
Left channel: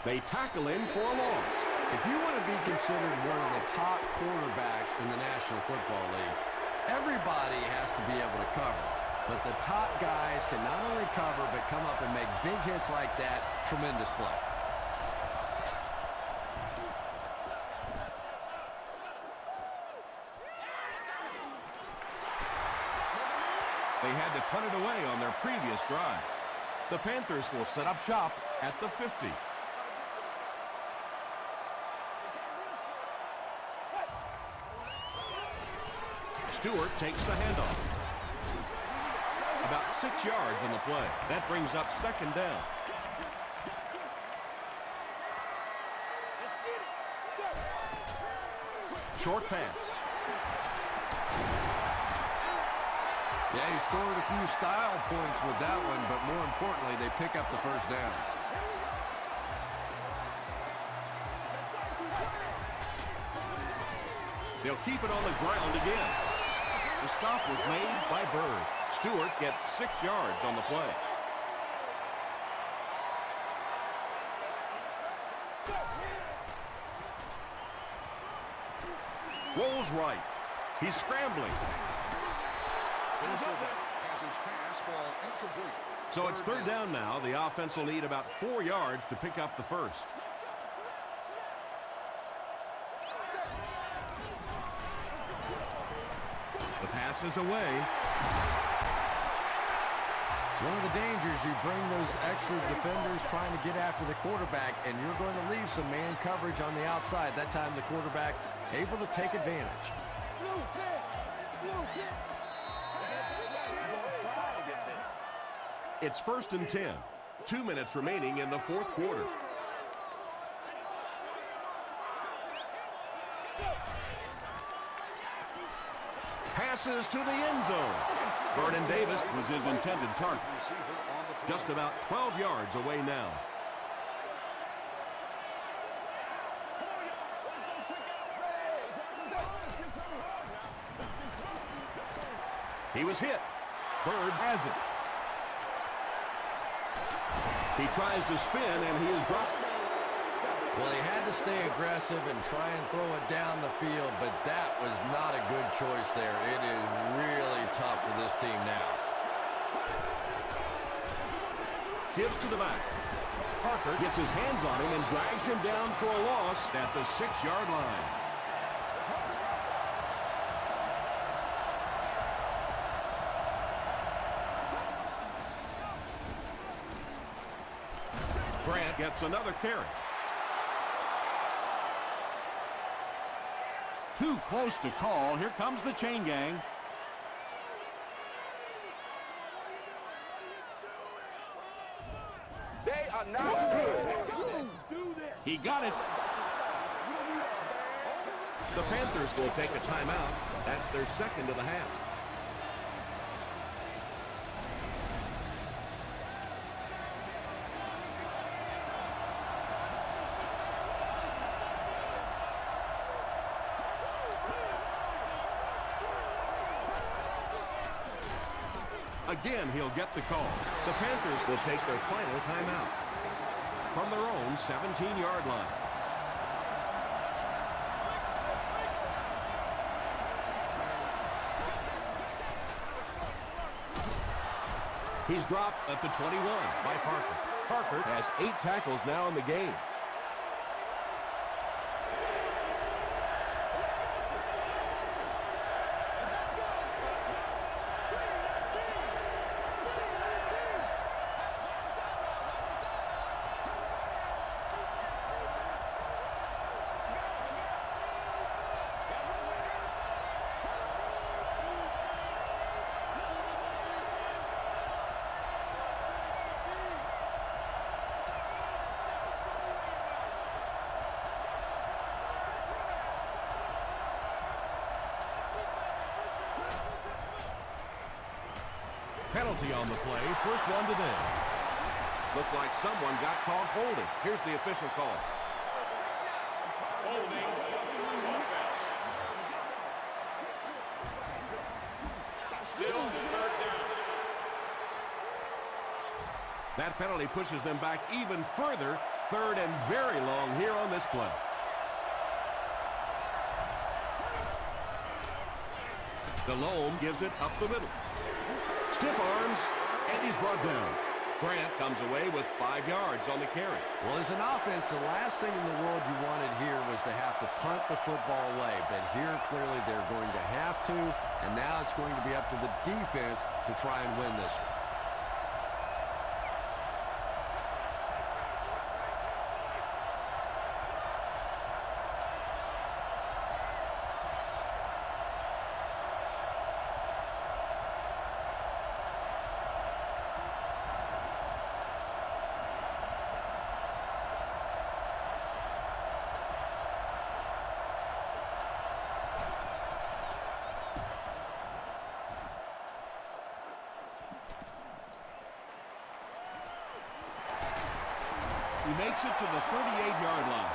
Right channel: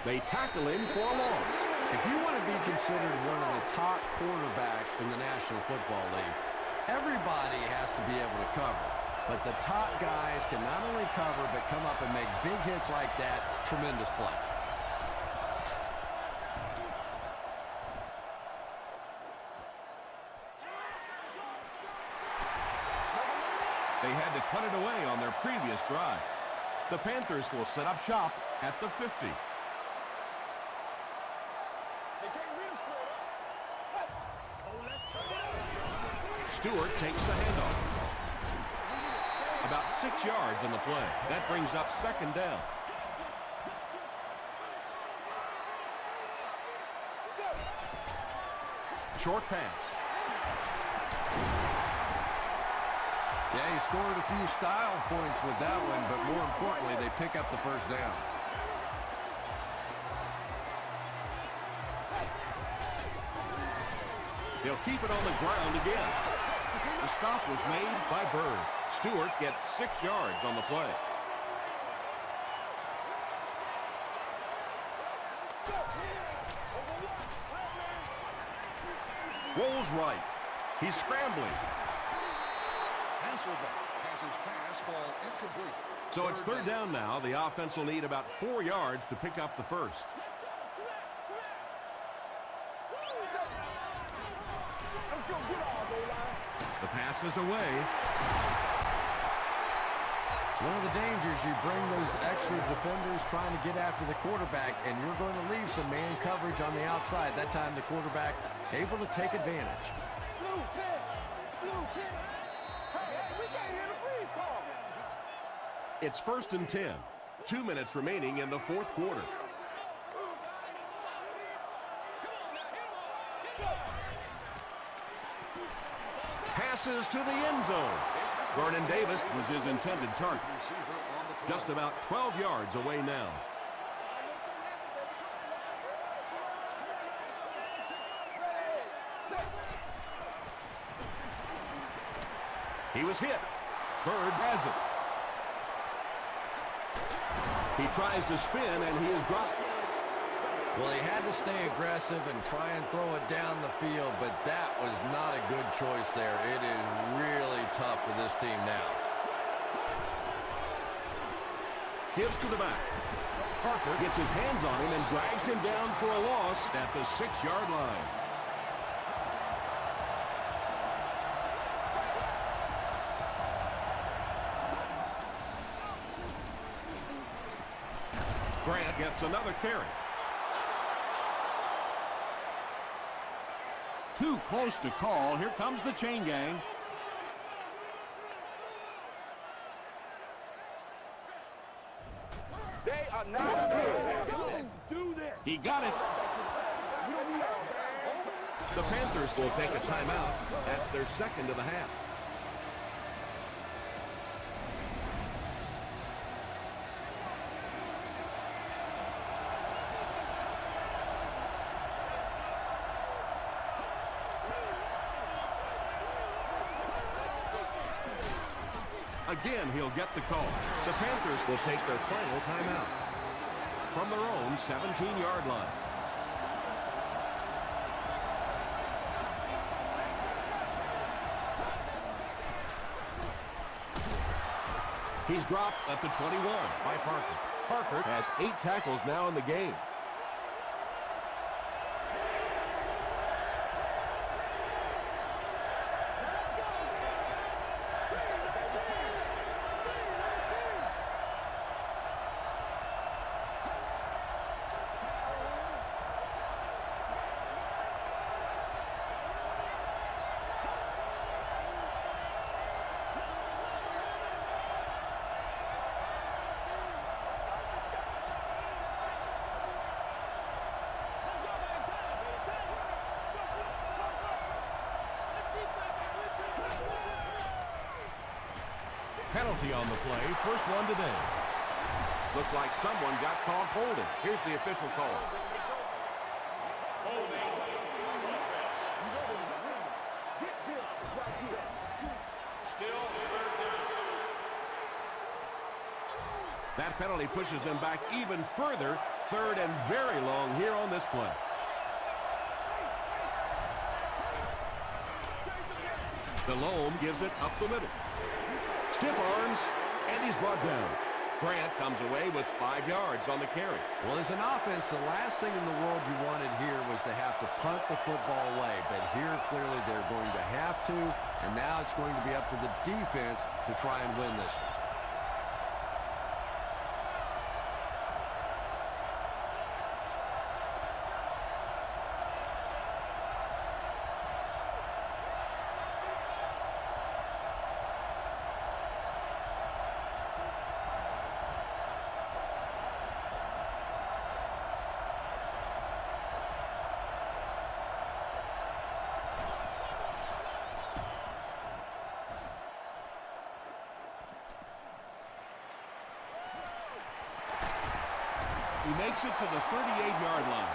They tackle him for a loss. If you want to be considered one of the top quarterbacks in the National Football League, everybody has to be able to cover. But the top guys can not only cover, but come up and make big hits like that. Tremendous play. They had to punt it away on their previous drive. The Panthers will set up shop at the 50. Stewart takes the handoff. About 6 yards on the play. That brings up second down. Short pass. Yeah, he scored a few style points with that one, but more importantly, they pick up the first down. They'll keep it on the ground again. The stop was made by Bird. Stewart gets 6 yards on the play. Rolls right. He's scrambling. So it's third down now. The offense will need about 4 yards to pick up the first. The pass is away. It's one of the dangers. You bring those extra defenders trying to get after the quarterback, and you're going to leave some man coverage on the outside. That time the quarterback able to take advantage. It's 1st and 10. 2 minutes remaining in the fourth quarter. Passes to the end zone. Vernon Davis was his intended target. Just about 12 yards away now. He was hit. Bird has it. He tries to spin, and he is dropped. Well, he had to stay aggressive and try and throw it down the field, but that was not a good choice there. It is really tough for this team now. Gives to the back. Parker gets his hands on him and drags him down for a loss at the 6-yard line. Grant gets another carry. Too close to call. Here comes the chain gang. They are not good. Let's do this. He got it. The Panthers will take a timeout. That's their second of the half. Again, he'll get the call. The Panthers will take their final timeout from their own 17-yard line. He's dropped at the 21 by Parker. Parker has 8 tackles now in the game. Penalty on the play, first one today. Looks like someone got caught holding. Here's the official call. Holding offense. Still third down. That penalty pushes them back even further. Third and very long here on this play. Delhomme gives it up the middle. Stiff arms, and he's brought down. Grant comes away with 5 yards on the carry. Well, as an offense, the last thing in the world you wanted here was to have to punt the football away. But here, clearly, they're going to have to, and now it's going to be up to the defense to try and win this one. He makes it to the 38-yard line.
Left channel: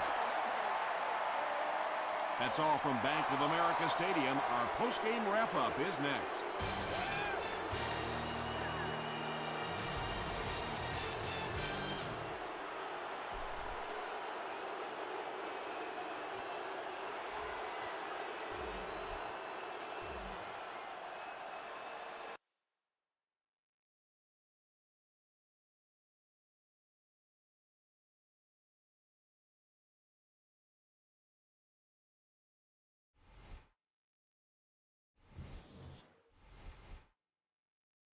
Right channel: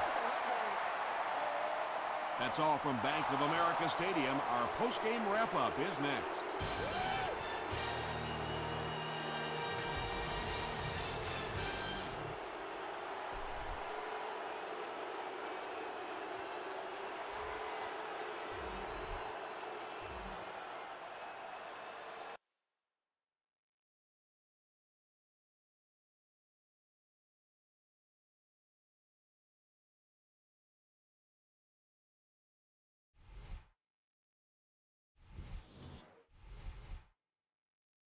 That's all from Bank of America Stadium. Our post-game wrap-up is next.